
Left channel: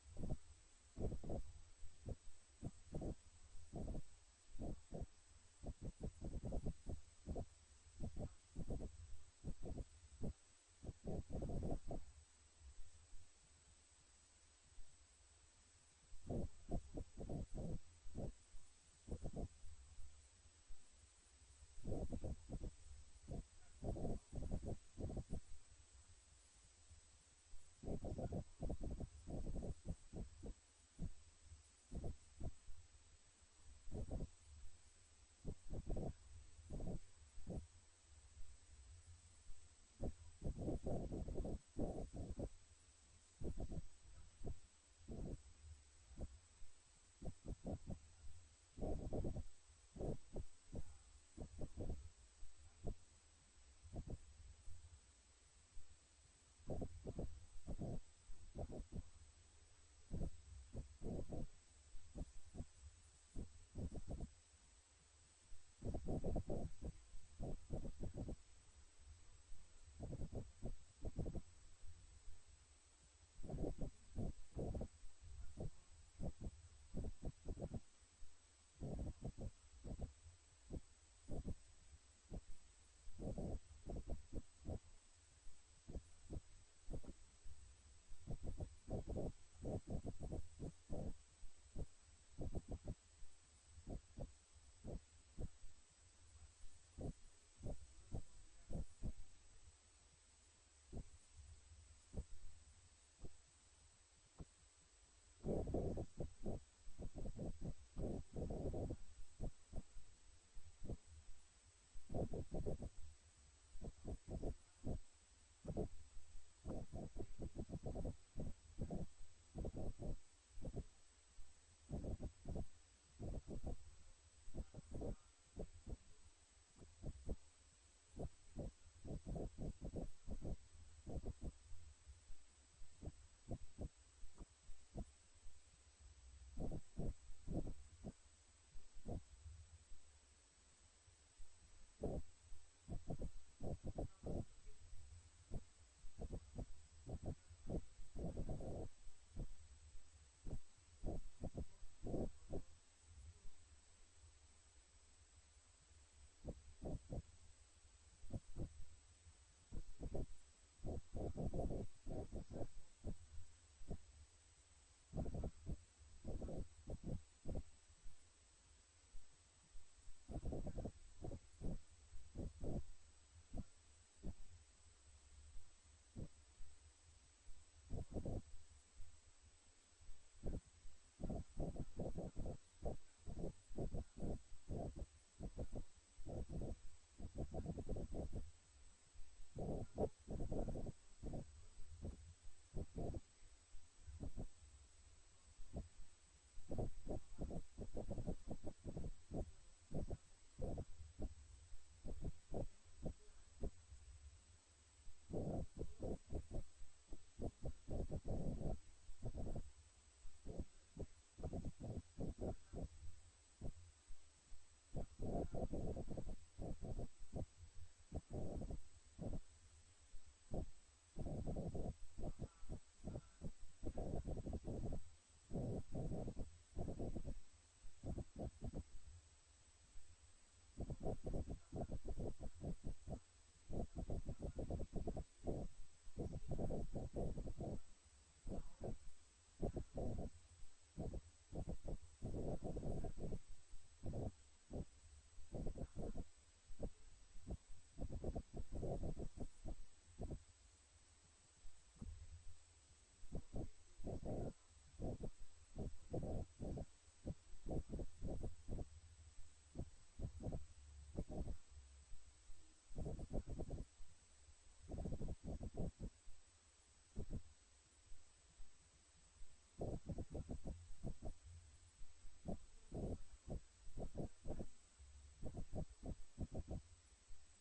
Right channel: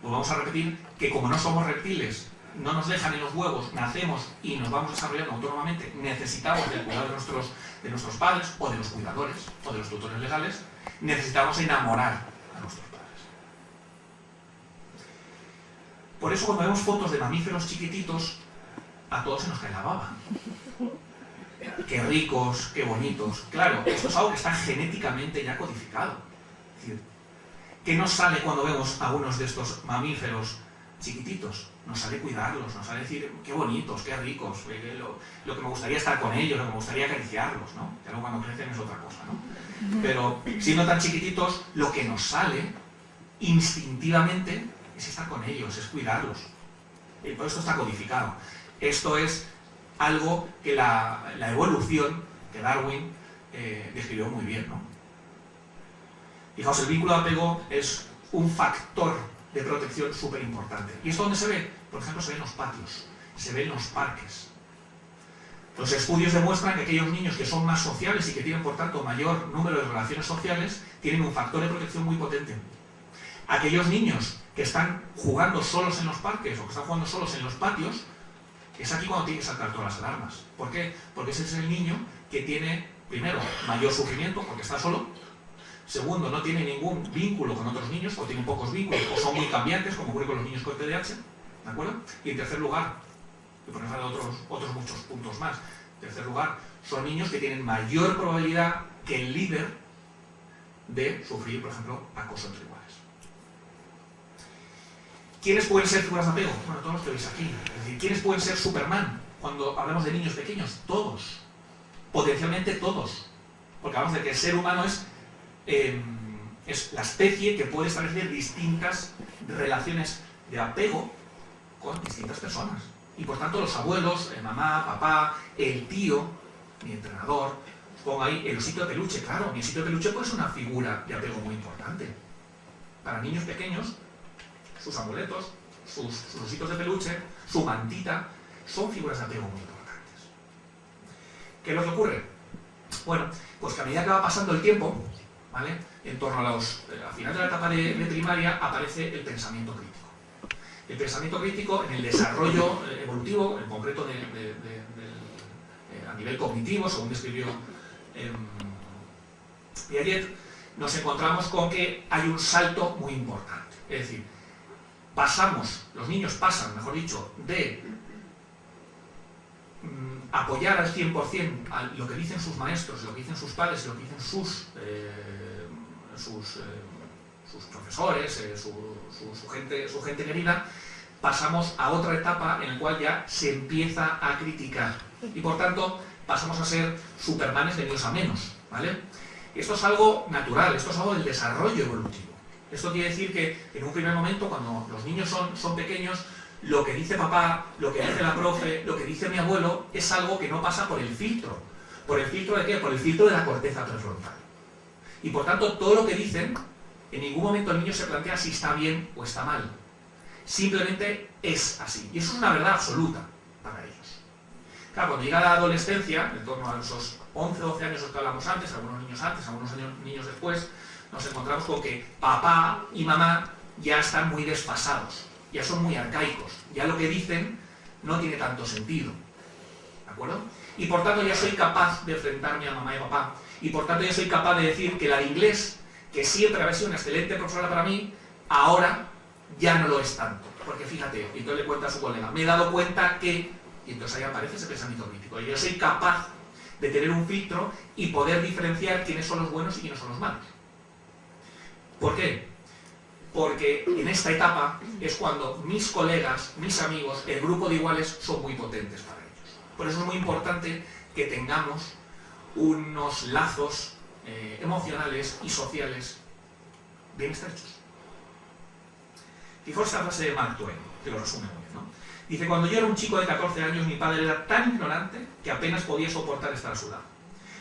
Pues vamos a repetir que como no somos reptiles, no nos dejan en los huevos, nacemos y nos vamos desarrollando autónomamente, necesitamos del cuidado de nuestros padres o de los cuidadores o de los tutores legales, necesitamos enamorar a nuestros padres. Por eso cuando vemos fotos de mamíferos chiquititos, a todos se nos cae la baba. Qué ricos, qué bonitos. Claro, esto es algo que está genéticamente ya codificado. Es decir, ¿qué nos sale cuando vemos a algunos de estos mamíferos chiquititos? Nos sale cuidarlos, nos sale decir qué bonitos, qué ricos, lo que me gustaría estar con ellos, lo que me gustaría acariciarlos, ¿no? Ya luego cuando crecen es otra cosa, ¿no? Pero siendo tan chiquititos, lo que nos sale instintivamente es estar con ellos, es cuidarlos. Y por esto está codificado. Esto es algo que la evolución, que Darwin describió muy bien, ¿no? Fijaos, el vínculo de apego es un factor de protección súper importante. ¿Y esto dónde se ve? Por ejemplo, se ve en los patios, se ve en los parques. Los estudios demuestran que aquellos niños que son más sociales y que tienen, por tanto, mayor número de relaciones sociales, tienen un factor de protección muy potente. Aquellos niños que están jugando solos en los parques o que están jugando solos en los patios, es aquí cuando tienen que saltar todas las alarmas. ¿Por qué? Porque ese es el niño que tiene, primero, mayor sufrimiento porque está solo. Segundo, no tiene ningún vínculo con otros niños, o tienen pocos vínculos, o son muy cambiantes, como ocurre con los niños con TDAH, ¿de acuerdo? Y en tercer lugar, y por ejemplo otros muchos puntos más, en tercer lugar, son niños que tienen mayor probabilidad que el líder de sufrir, por ejemplo, acoso entre iguales. ¿Quiénes pueden ser figuras de apego? Bueno, todos los que veis aquí. Es decir, ¿quiénes pueden ser Superman? Cuando hablamos de niños pequeños, todos. Potencialmente todos. Porque hablamos de que el ser humano es la especie que puede establecer distintas relaciones de apego con distintas personas. Y por tanto los abuelos, mamá, papá, el tío, mi entrenador, os pongo ahí el osito de peluche. Claro, mi osito de peluche puede ser una figura de apego muy importante. Para niños pequeños, sus amuletos, sus ositos de peluche, su mantita, son figuras de apego muy importantes. ¿Qué es lo que ocurre? Bueno, pues que a medida que va pasando el tiempo, ¿vale? En torno al final de la etapa de primaria aparece el pensamiento crítico. El pensamiento crítico en el desarrollo evolutivo, en concreto a nivel cognitivo, según describió Piaget, nos encontramos con que hay un salto muy importante. Es decir, los niños pasan, mejor dicho, de apoyar al 100% a lo que dicen sus maestros, lo que dicen sus padres, lo que dicen sus profesores, su gente querida, pasamos a otra etapa en la cual ya se empieza a criticar. Y por tanto, pasamos a ser supermanes de menos a menos, ¿vale? Esto es algo natural, esto es algo del desarrollo evolutivo. Esto quiere decir que en un primer momento, cuando los niños son pequeños, lo que dice papá, lo que dice la profe, lo que dice mi abuelo, es algo que no pasa por el filtro. ¿Por el filtro de qué? Por el filtro de la corteza prefrontal. Y por tanto, todo lo que dicen, en ningún momento el niño se plantea si está bien o está mal. Simplemente es así. Y eso es una verdad absoluta para ellos. Claro, cuando llega la adolescencia, en torno a esos 11 o 12 años de los que hablamos antes, algunos niños después, nos encontramos con que papá y mamá ya están muy desfasados, ya son muy arcaicos, ya lo que dicen no tiene tanto sentido, ¿de acuerdo? Y por tanto ya soy capaz de enfrentarme a mamá y papá, y por tanto ya soy capaz de decir que la de inglés, que siempre había sido una excelente profesora para mí, ahora ya no lo es tanto, porque fíjate, y entonces le cuenta a su colega, me he dado cuenta que, y entonces ahí aparece ese pensamiento crítico, yo soy capaz de tener un filtro y poder diferenciar quiénes son los buenos y quiénes son los malos. ¿Por qué? Porque en esta etapa es cuando mis colegas, mis amigos, el grupo de iguales son muy potentes para ellos. Por eso es muy importante que tengamos unos lazos emocionales y sociales bien estrechos. Fijaos esta frase de Mark Twain, que lo resume muy bien, ¿no? Dice, cuando yo era un chico de 14 años, mi padre era tan ignorante que apenas podía soportar estar a su lado.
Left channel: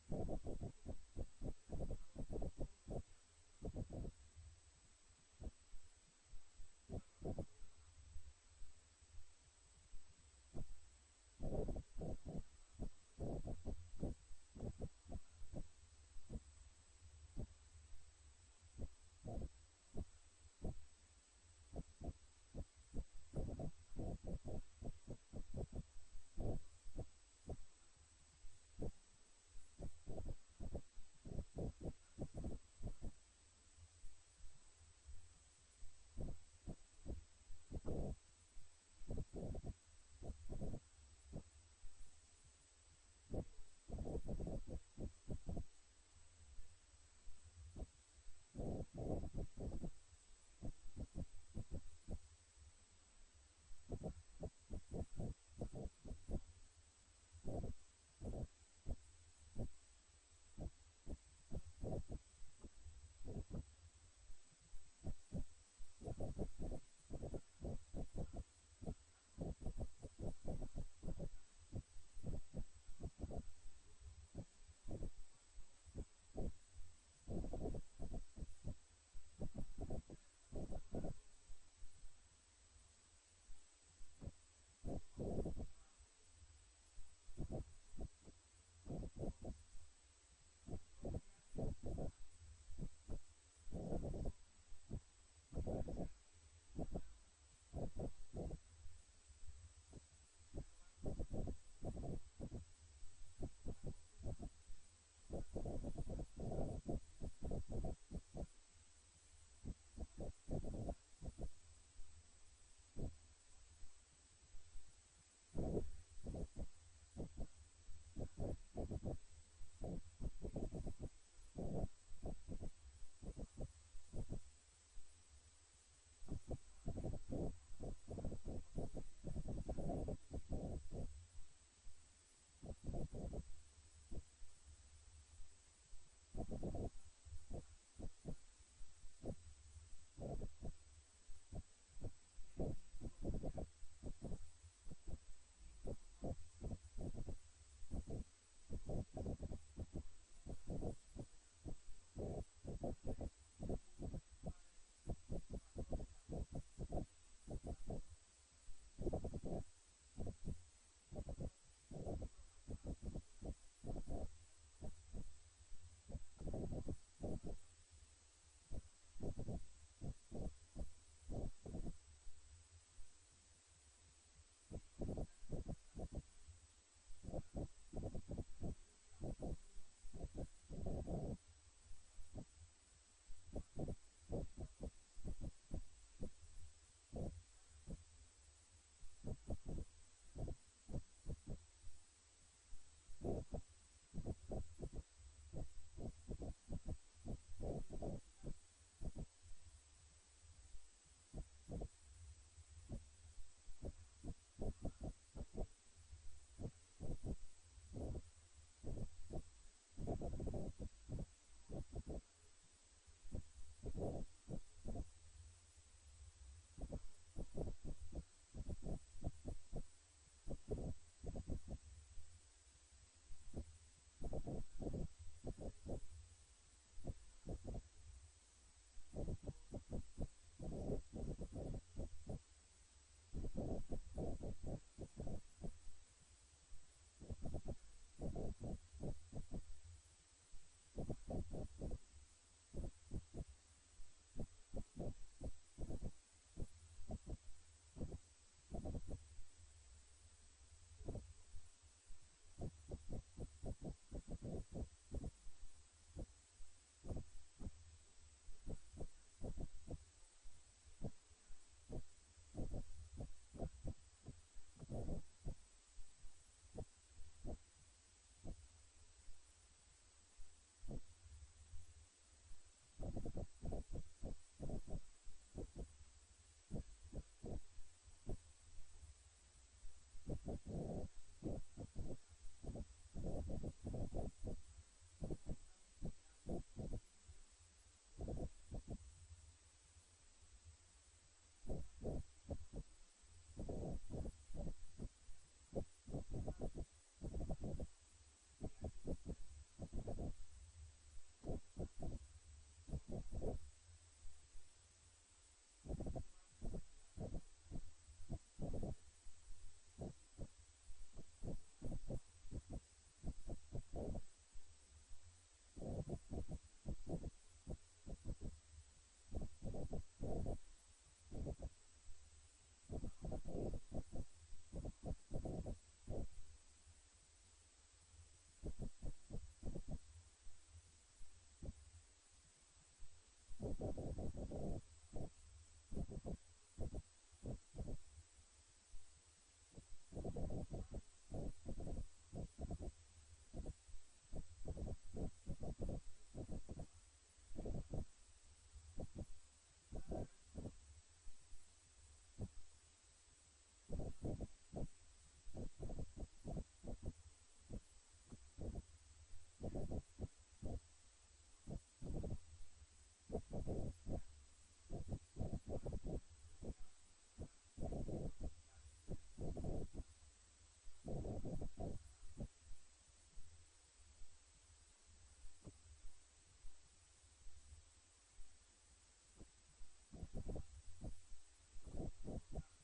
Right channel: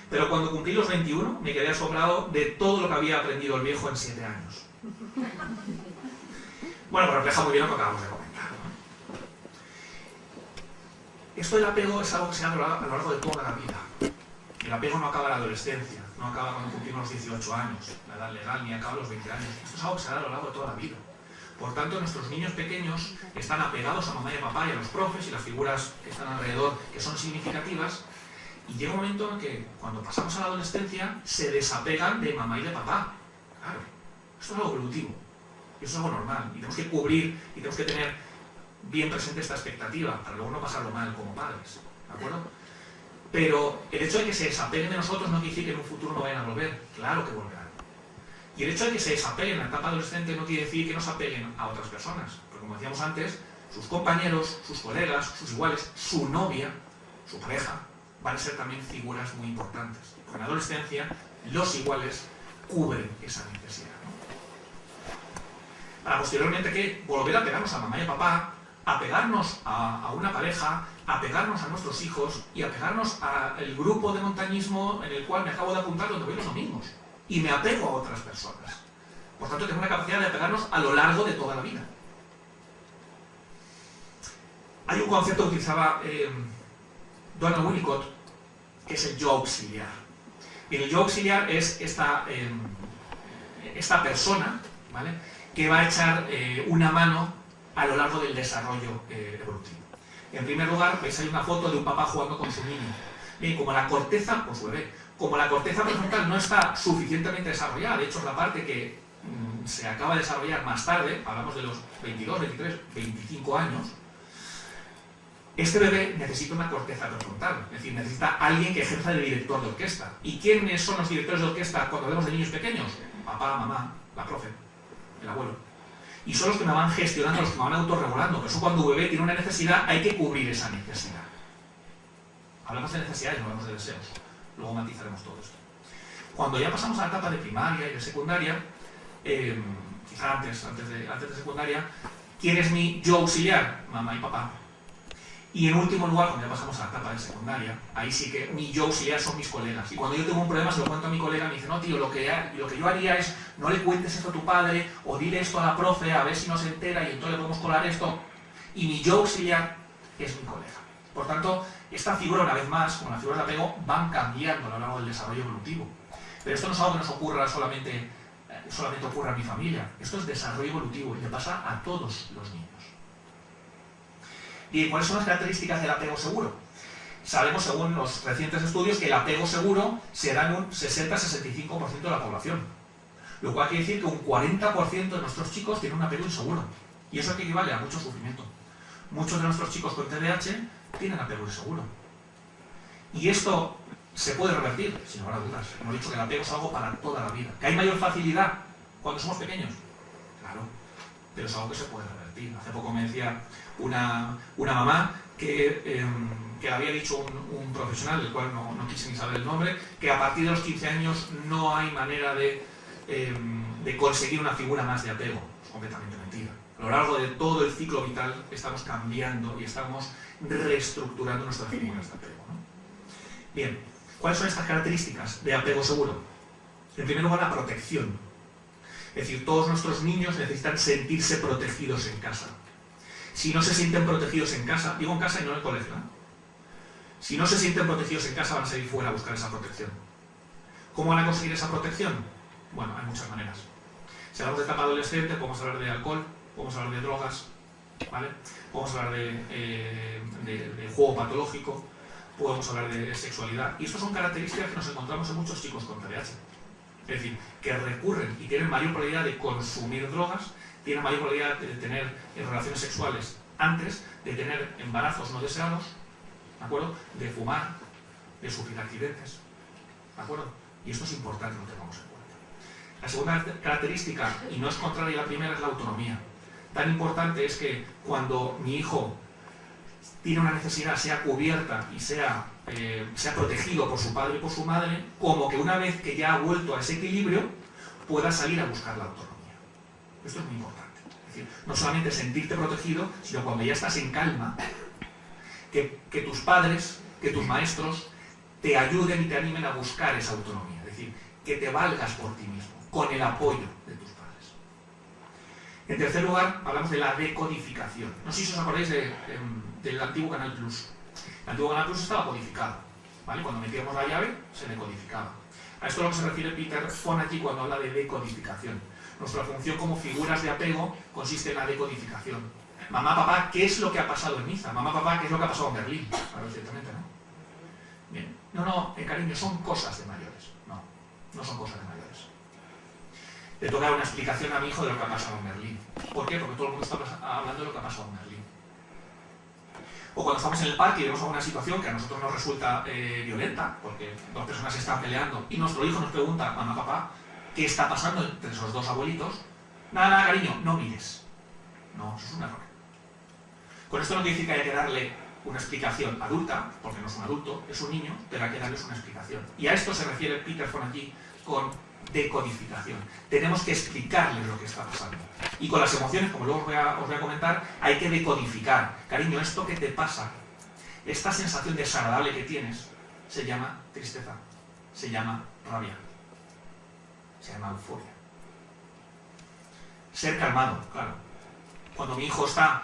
Pero cuando cumplí los 21, me quedé asombrado de todo lo que había aprendido el viejo en 7 años. Bueno, pues refleja muy bien lo que acabamos de comentar, ¿no? Esto del apego es algo que se da a lo largo de toda la vida. El apego no acaba en la adolescencia, no acaba cuando cumplimos los 18 años, la edad legal, ni acaba a los 20 años. Esto es algo que se da a lo largo de toda la vida. Por tanto, nuestros niños pequeños están apegados a mamá y a papá y a los profes y las figuras que están alrededor, que son significativas, y llega un momento en que, cuando pasamos a la adolescencia, se desapegan de mamá y de papá. Claro, esto es algo evolutivo, eso es algo normal, y tenemos que cubrir y tenemos que tener bien presente esta expectativa, para luego no pasarlo mal como padres, ¿de acuerdo? Pero el hecho de que se desapeguen de nosotros no quiere decir que en un futuro no vayan a volver, claro que volverán. Y el hecho de que se desapeguen en la etapa adolescente no quiere decir que no se apeguen a otras personas, porque como decíamos antes, sus compañeros, sus colegas, sus iguales, su novia, su pareja, van a ser también figuras muy importantes. Porque en la adolescencia los iguales cubren esa necesidad, ¿no? Para posteriormente que volver a pegarnos a mamá y a papá, a pegarnos a una pareja, a pegarnos a nuestros hijos y a pegarnos al grupo de montañismo en el cual me acabo de apuntar donde voy los domingos. Y me apego a otras personas. Por tanto, tengo una capacidad de apegarnos a lo largo de toda la vida. Hay un concepto que utilizaba Donald Winnicott, que es el yo auxiliar. Y el yo auxiliar es esta persona, ¿vale?, que va a echar una mano a lo largo del desarrollo evolutivo. En primer lugar, veis ahí una foto de un papá jugando con su niño. Bien, como la corteza, con su bebé, como la corteza prefrontal no está suficientemente desarrollada, de hecho es la parte que se acaba de desarrollar más tarde, hablamos de los 22, 23, 25 años, este bebé necesita una corteza prefrontal, es decir, necesita alguien que ejerza de director de orquesta. ¿Y quiénes son los directores de orquesta cuando hablamos de niños pequeños? Papá, mamá, la profe, el abuelo. Y son los que me van gestionando, los que me van autorregulando. Por eso cuando un bebé tiene una necesidad, hay que cubrir esa necesidad. Hablamos de necesidades, no hablamos de deseos. Luego matizaremos todo esto. Cuando ya pasamos a la etapa de primaria y de secundaria, quizá antes de secundaria, ¿quién es mi yo auxiliar? Mamá y papá. Y en último lugar, cuando ya pasamos a la etapa de secundaria, ahí sí que mi yo auxiliar son mis colegas. Y cuando yo tengo un problema, se lo cuento a mi colega, me dice, no tío, lo que yo haría es, no le cuentes esto a tu padre, o dile esto a la profe, a ver si no se entera, y entonces le podemos colar esto. Y mi yo auxiliar es mi colega. Por tanto, esta figura, una vez más, como la figura de apego, van cambiando a lo largo del desarrollo evolutivo. Pero esto no es algo que nos ocurra solamente ocurre a mi familia. Esto es desarrollo evolutivo y le pasa a todos los niños. ¿Y cuáles son las características del apego seguro? sabemos, según los recientes estudios, que el apego seguro se da en un 60-65% de la población. Lo cual quiere decir que un 40% de nuestros chicos tienen un apego inseguro. Y eso equivale a mucho sufrimiento. Muchos de nuestros chicos con TDAH tienen apego inseguro. Y esto se puede revertir, sin lugar a dudas. Hemos dicho que el apego es algo para toda la vida. ¿Que hay mayor facilidad cuando somos pequeños? Claro, pero es algo que se puede revertir. Hace poco me decía una mamá que le había dicho un profesional, del cual no quise ni saber el nombre, que a partir de los 15 años no hay manera de conseguir una figura más de apego. Es completamente mentira. A lo largo de todo el ciclo vital estamos cambiando y estamos reestructurando nuestras figuras de apego, ¿no? Bien, ¿cuáles son estas características de apego seguro? En primer lugar, la protección. Es decir, todos nuestros niños necesitan sentirse protegidos en casa. Si no se sienten protegidos en casa, digo en casa y no en el colegio, ¿eh? Si no se sienten protegidos en casa, van a salir fuera a buscar esa protección. ¿Cómo van a conseguir esa protección? Bueno, hay muchas maneras. Si hablamos de etapa adolescente, podemos hablar de alcohol, podemos hablar de drogas, ¿vale? Podemos hablar de juego patológico, podemos hablar de sexualidad. Y estas son características que nos encontramos en muchos chicos con TDAH. Es decir, que recurren y tienen mayor probabilidad de consumir drogas, tienen mayor probabilidad de tener relaciones sexuales antes, de tener embarazos no deseados, ¿de acuerdo? De fumar, de sufrir accidentes, ¿de acuerdo? Y esto es importante que lo tengamos en cuenta. La segunda característica, y no es contraria a la primera, es la autonomía. Tan importante es que cuando mi hijo tiene una necesidad, sea cubierta y sea protegido por su padre y por su madre, como que una vez que ya ha vuelto a ese equilibrio, pueda salir a buscar la autonomía. Esto es muy importante. Es decir, no solamente sentirte protegido, sino cuando ya estás en calma, que tus padres, que tus maestros te ayuden y te animen a buscar esa autonomía. Es decir, que te valgas por ti mismo, con el apoyo de tus padres. En tercer lugar, hablamos de la decodificación. No sé si os acordáis del antiguo Canal Plus. El antiguo Canal Plus estaba codificado, ¿vale? Cuando metíamos la llave, se decodificaba. A esto es a lo que se refiere Peter Fonagy cuando habla de decodificación. Nuestra función como figuras de apego consiste en la decodificación. Mamá, papá, ¿qué es lo que ha pasado en Niza? Mamá, papá, ¿qué es lo que ha pasado en Berlín? Claro, ciertamente, ¿no? Bien. No, cariño, son cosas de mayores. No son cosas de mayores. Le toca una explicación a mi hijo de lo que ha pasado en Berlín. ¿Por qué? Porque todo el mundo está hablando de lo que ha pasado en Berlín. O cuando estamos en el parque y vemos alguna situación que a nosotros nos resulta violenta, porque dos personas se están peleando, y nuestro hijo nos pregunta, mamá, papá, ¿qué está pasando entre esos dos abuelitos? Nada, cariño, no mires. No, eso es un error. Con esto no quiere decir que haya que darle una explicación adulta, porque no es un adulto, es un niño, pero hay que darles una explicación. Y a esto se refiere Peter Fonagy con decodificación. Tenemos que explicarles lo que está pasando. Y con las emociones, como luego os voy a comentar, hay que decodificar. Cariño, esto que te pasa, esta sensación desagradable que tienes, se llama tristeza, se llama rabia, se llama euforia. Ser calmado, claro. Cuando mi hijo está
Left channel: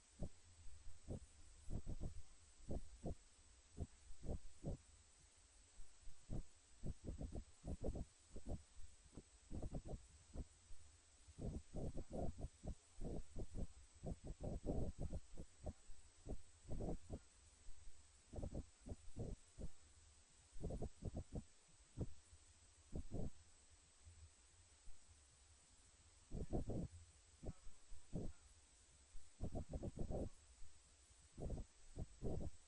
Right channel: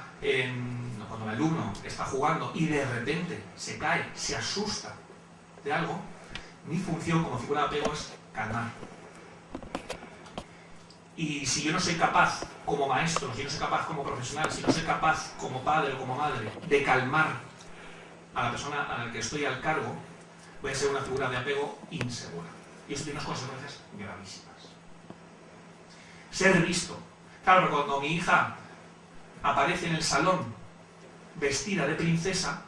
cuando el alumno está jugando y de repente se cae, se asusta de algo, mi función como figura de apego es calmar. Y si yo no soy capaz como maestro, si no soy capaz como profesional, si no soy capaz como padre o como madre de calmar a la persona a la que estoy al cargo, voy a ser una figura de apego insegura. Y eso tiene unas consecuencias gravísimas. Ser visto. Claro, cuando mi hija aparece en el salón vestida de princesa,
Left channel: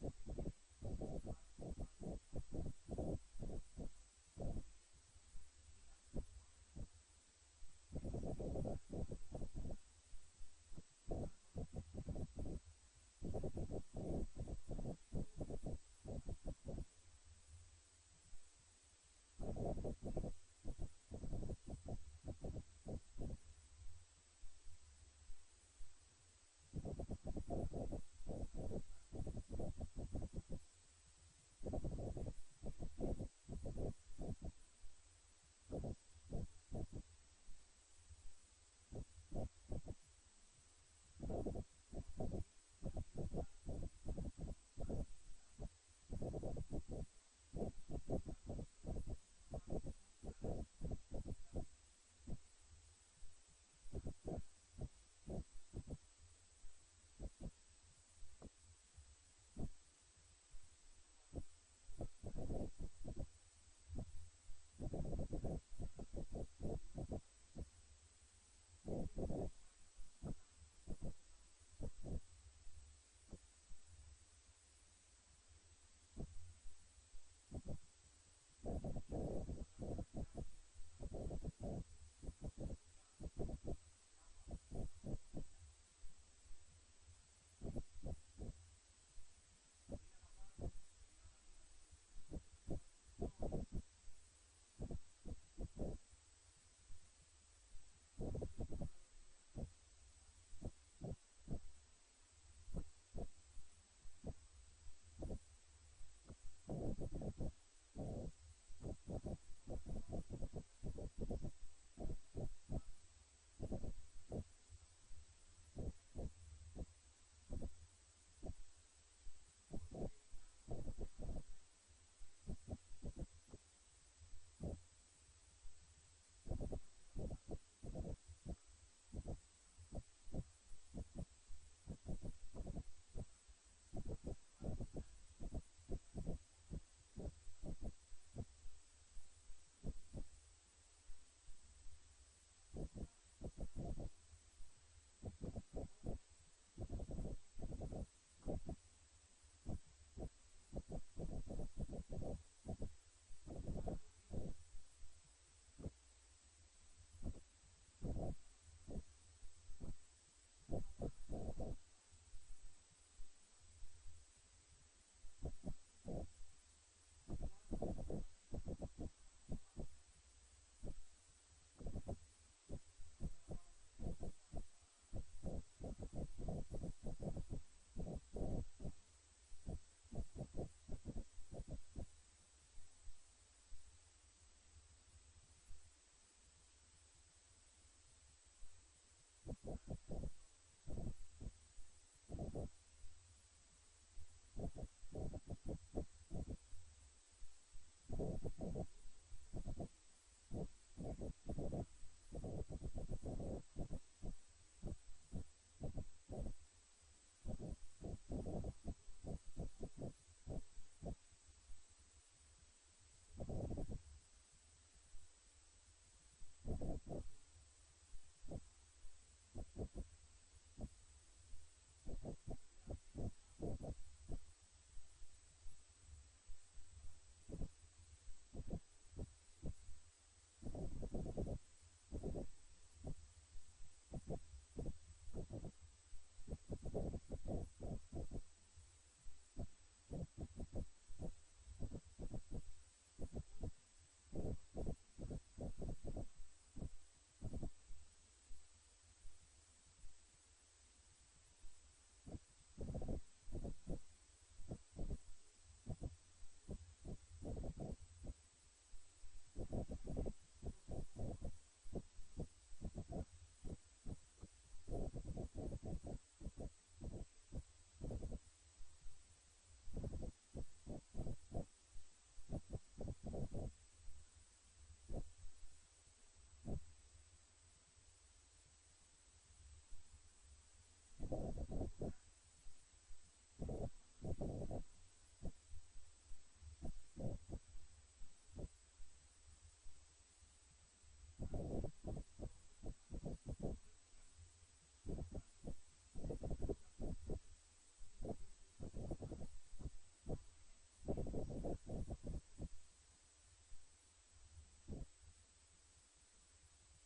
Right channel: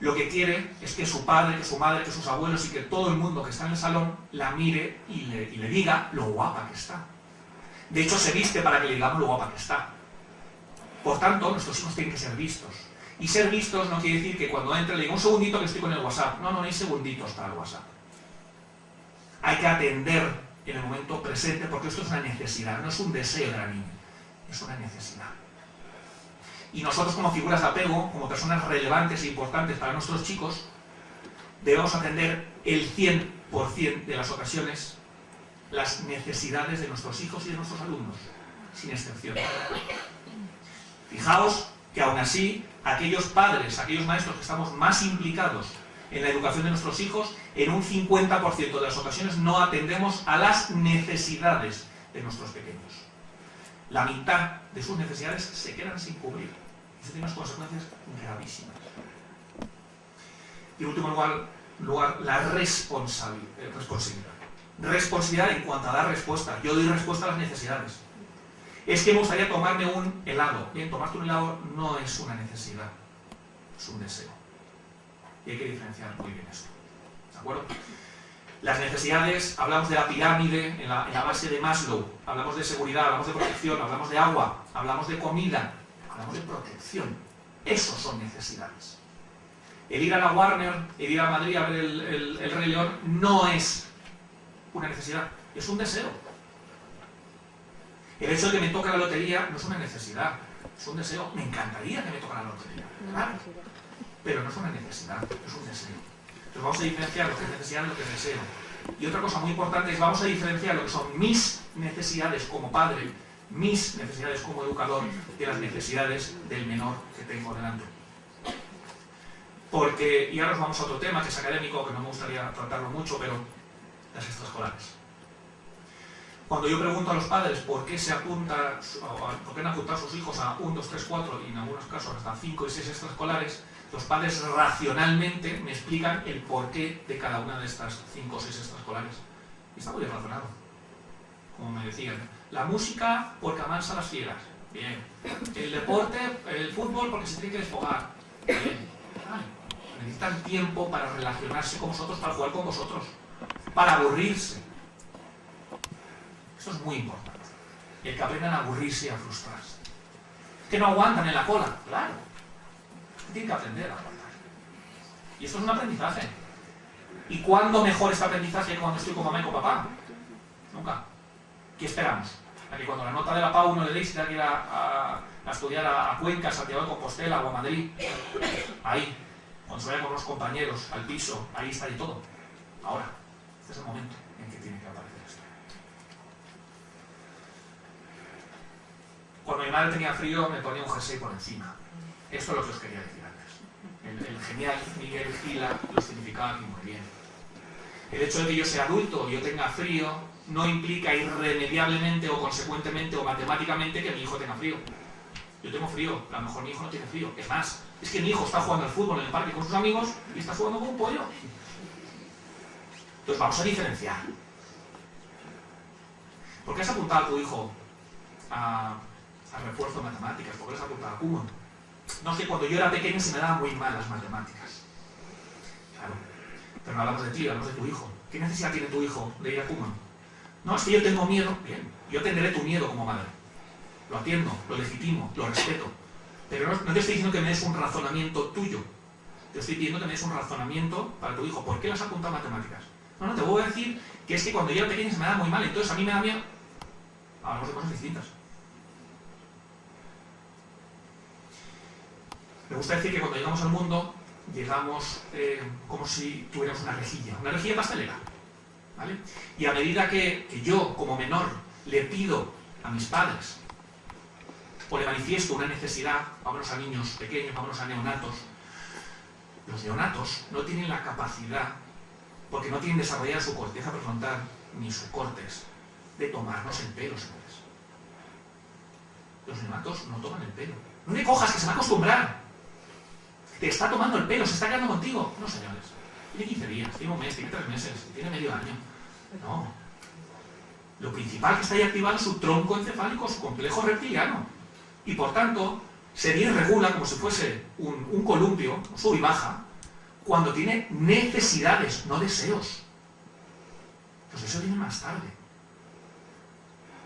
lo que quiere es que su padre, que su madre, que sus abuelos y que todo el mundo que está en el salón la mire y le diga lo guapa que está. De hecho, se viste para que le digamos lo guapa que está. Por tanto, nuestros hijos tienen que ser vistos. Y ser vistos no quiere decir que cuando entre le diga un segundito que estoy con el WhatsApp. No hay segunditos para el WhatsApp. Hay que atender en el momento presente porque esto es una necesidad, no es un deseo de la niña, es una necesidad. Y nosotros como figuras de apego, como personas relevantes e importantes para nuestros chicos, debemos atender el 100% de las ocasiones las necesidades de nuestros hijos y de nuestros alumnos, sin excepción. Fijaos que aún así, aquellos padres, aquellos maestros que estamos más implicados en la educación de nuestros hijos, en un 50% de las ocasiones no atendemos a las necesidades de nuestros pequeños. La mitad de sus necesidades se quedan sin cubrir. Eso tiene unas consecuencias gravísimas. Y en último lugar la responsabilidad. Responsabilidad en cuanto a dar respuesta. Yo doy respuesta a las necesidades. Es que me gustaría tomarme un helado. Bien, tomarte un helado no es una necesidad, es un deseo. Y hay que diferenciar muy bien esto. ¿De acuerdo? Las necesidades, hablamos de la pirámide en la base de Maslow, hablamos de seguridad, hablamos de protección, hablamos de agua, hablamos de comida, hablamos de protección. Esos son necesidades. El ir a la Warner, el ir a Madrid a ver el Rey León no es una necesidad, es un deseo. El hecho de que me toque la lotería no es una necesidad, es un deseo. Me encantaría que me toque la lotería, claro, pero no es una necesidad, es un deseo. Entonces vamos a diferenciar lo que es necesidad de lo que es deseo. Y otra cosa muy importante es vamos a diferenciar lo que son mis necesidades como padre, mis necesidades como educador, de las necesidades del menor que tengo delante. Porque, y ahora nos vamos a otro tema que es académico, que no me gustaría tratarlo mucho, pero las extraescolares. Cuando yo pregunto a los padres por qué se apunta, por qué han apuntado a sus hijos a 1, 2, 3, 4 y en algunos casos hasta 5 y 6 extraescolares, los padres racionalmente me explican el porqué de cada una de estas 5 o 6 extraescolares. Y está muy bien razonado. Como me decían, la música porque amansa las fieras. Bien. El deporte, el fútbol porque se tiene que desfogar. Bien. Ay, necesitan tiempo para relacionarse con vosotros, para jugar con vosotros, para aburrirse. Esto es muy importante. Y el que aprendan a aburrirse y a frustrarse. Que no aguantan en la cola, claro. Tienen que aprender a aguantar. Y esto es un aprendizaje. ¿Y cuándo mejor este aprendizaje que cuando estoy con mamá y con papá? Nunca. ¿Qué esperamos? A que cuando la nota de la PAU no le deis, tenga que ir a estudiar a Cuenca, a Santiago de Compostela o a Madrid. Ahí. Cuando se vaya con los compañeros al piso, ahí está y todo. Ahora. Este es el momento en que tiene que aparecer esto. Cuando mi madre tenía frío, me ponía un jersey por encima. Esto es lo que os quería decir antes. El genial Miguel Gila lo significaba aquí muy bien. El hecho de que yo sea adulto y yo tenga frío no implica irremediablemente o consecuentemente o matemáticamente que mi hijo tenga frío. Yo tengo frío, a lo mejor mi hijo no tiene frío. Es más, es que mi hijo está jugando al fútbol en el parque con sus amigos y está jugando con un pollo. Entonces vamos a diferenciar. ¿Por qué has apuntado a tu hijo a refuerzo de matemáticas? ¿Por qué le has apuntado a Kumon? No sé, cuando yo era pequeño se me daban muy mal las matemáticas. Claro. Pero no hablamos de ti, hablamos de tu hijo. ¿Qué necesidad tiene tu hijo de ir a Kumon? No, es que yo tengo miedo. Bien, yo atenderé tu miedo como madre. Lo atiendo, lo legitimo, lo respeto. Pero no te estoy diciendo que me des un razonamiento tuyo. Te estoy pidiendo que me des un razonamiento para tu hijo. ¿Por qué le has apuntado a matemáticas? No, te voy a decir que es que cuando yo era pequeño se me daba muy mal, entonces a mí me da miedo. Hablamos de cosas distintas. Me gusta decir que cuando llegamos al mundo, llegamos como si tuviéramos una rejilla pastelera, ¿vale? Y a medida que yo, como menor, le pido a mis padres, o le manifiesto una necesidad, vámonos a niños pequeños, vámonos a neonatos, los neonatos no tienen la capacidad, porque no tienen desarrollada su corteza prefrontal, ni su córtex, de tomarnos el pelo, señores. Los neonatos no toman el pelo. No le cojas, que se va a acostumbrar. Te está tomando el pelo, se está quedando contigo. No, señores. Tiene 15 días, tiene un mes, tiene 3 meses, tiene medio año. No. Lo principal que está ahí activado es su tronco encefálico, su complejo reptiliano. Y por tanto, se regula como si fuese un columpio, sube y baja, cuando tiene necesidades, no deseos. Los deseos vienen más tarde.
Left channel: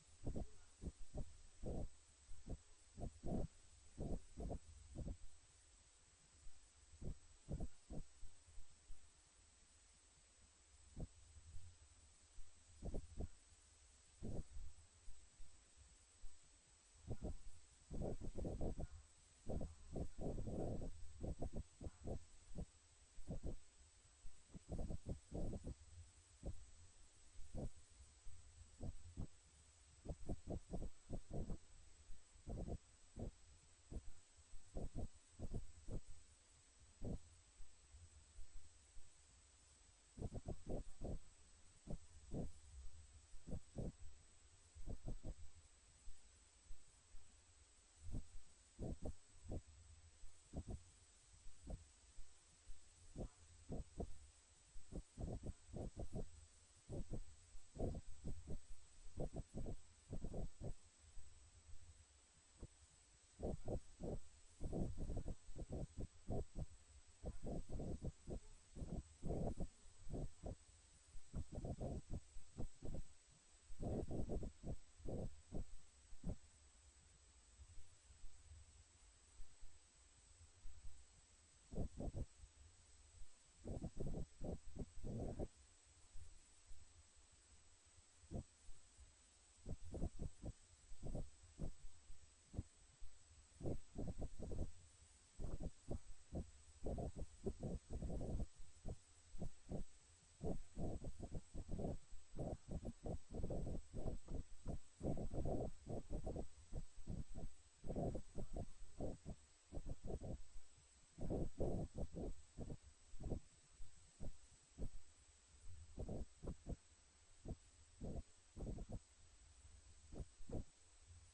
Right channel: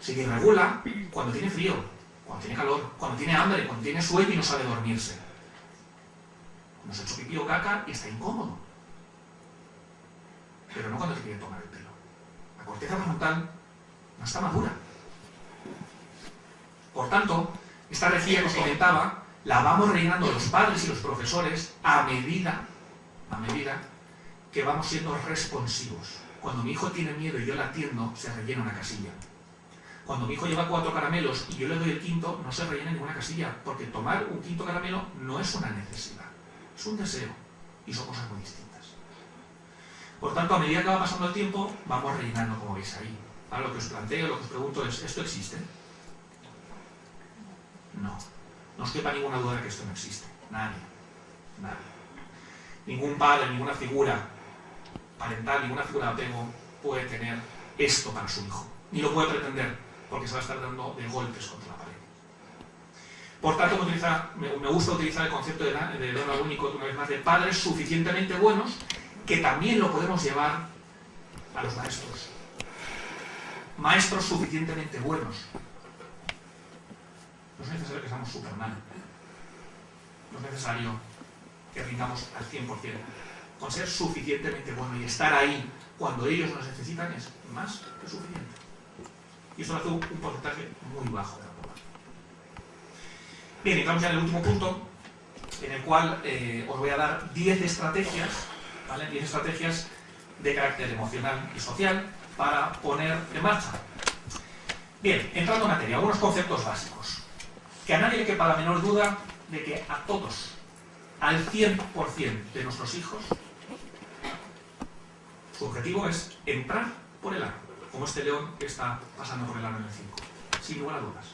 Se regula cuando tiene frío, cuando tiene calor, cuando tiene hambre, cuando tiene sueño y no sabe dormirse. Cuando se ha hecho pipí o caca y está incómodo. Pero no cuando te quiere tomar el pelo. La corteza frontal no está madura. Por tanto, esta rejilla que os comentaba, la vamos rellenando los padres y los profesores a medida que vamos siendo responsivos. Cuando mi hijo tiene miedo y yo la atiendo, se rellena una casilla. Cuando mi hijo lleva 4 caramelos y yo le doy el quinto, no se rellena ninguna casilla, porque tomar un quinto caramelo no es una necesidad, es un deseo, y son cosas muy distintas. Por tanto, a medida que va pasando el tiempo, vamos rellenando, como veis ahí. Ahora lo que os planteo, lo que os pregunto es, ¿esto existe? No. No os quepa ninguna duda de que esto no existe. Nadie. Ningún padre, ninguna figura parental, ninguna figura de apego puede tener esto para su hijo. Ni lo puede pretender, porque se va a estar dando de golpes contra la pared. Por tanto, me gusta utilizar el concepto de Donald Winnicott, una vez más, de padres suficientemente buenos, que también lo podemos llevar a los maestros. Maestros suficientemente buenos. No es necesario que seamos Superman. No es necesario que rindamos al 100%. Con ser suficientemente bueno y estar ahí cuando ellos nos necesitan es más que suficiente. Y eso hace un porcentaje muy bajo de la población. Bien, entramos ya en el último punto, en el cual os voy a dar 10 estrategias, ¿vale? 10 estrategias de carácter emocional y social para poner en marcha. Bien, entrando en materia, algunos conceptos básicos. Que a nadie le quepa la menor duda de que a todos, al 100% de nuestros hijos, su objetivo es entrar por el aro, como este león que está pasando por el aro en el 5, sin lugar a dudas.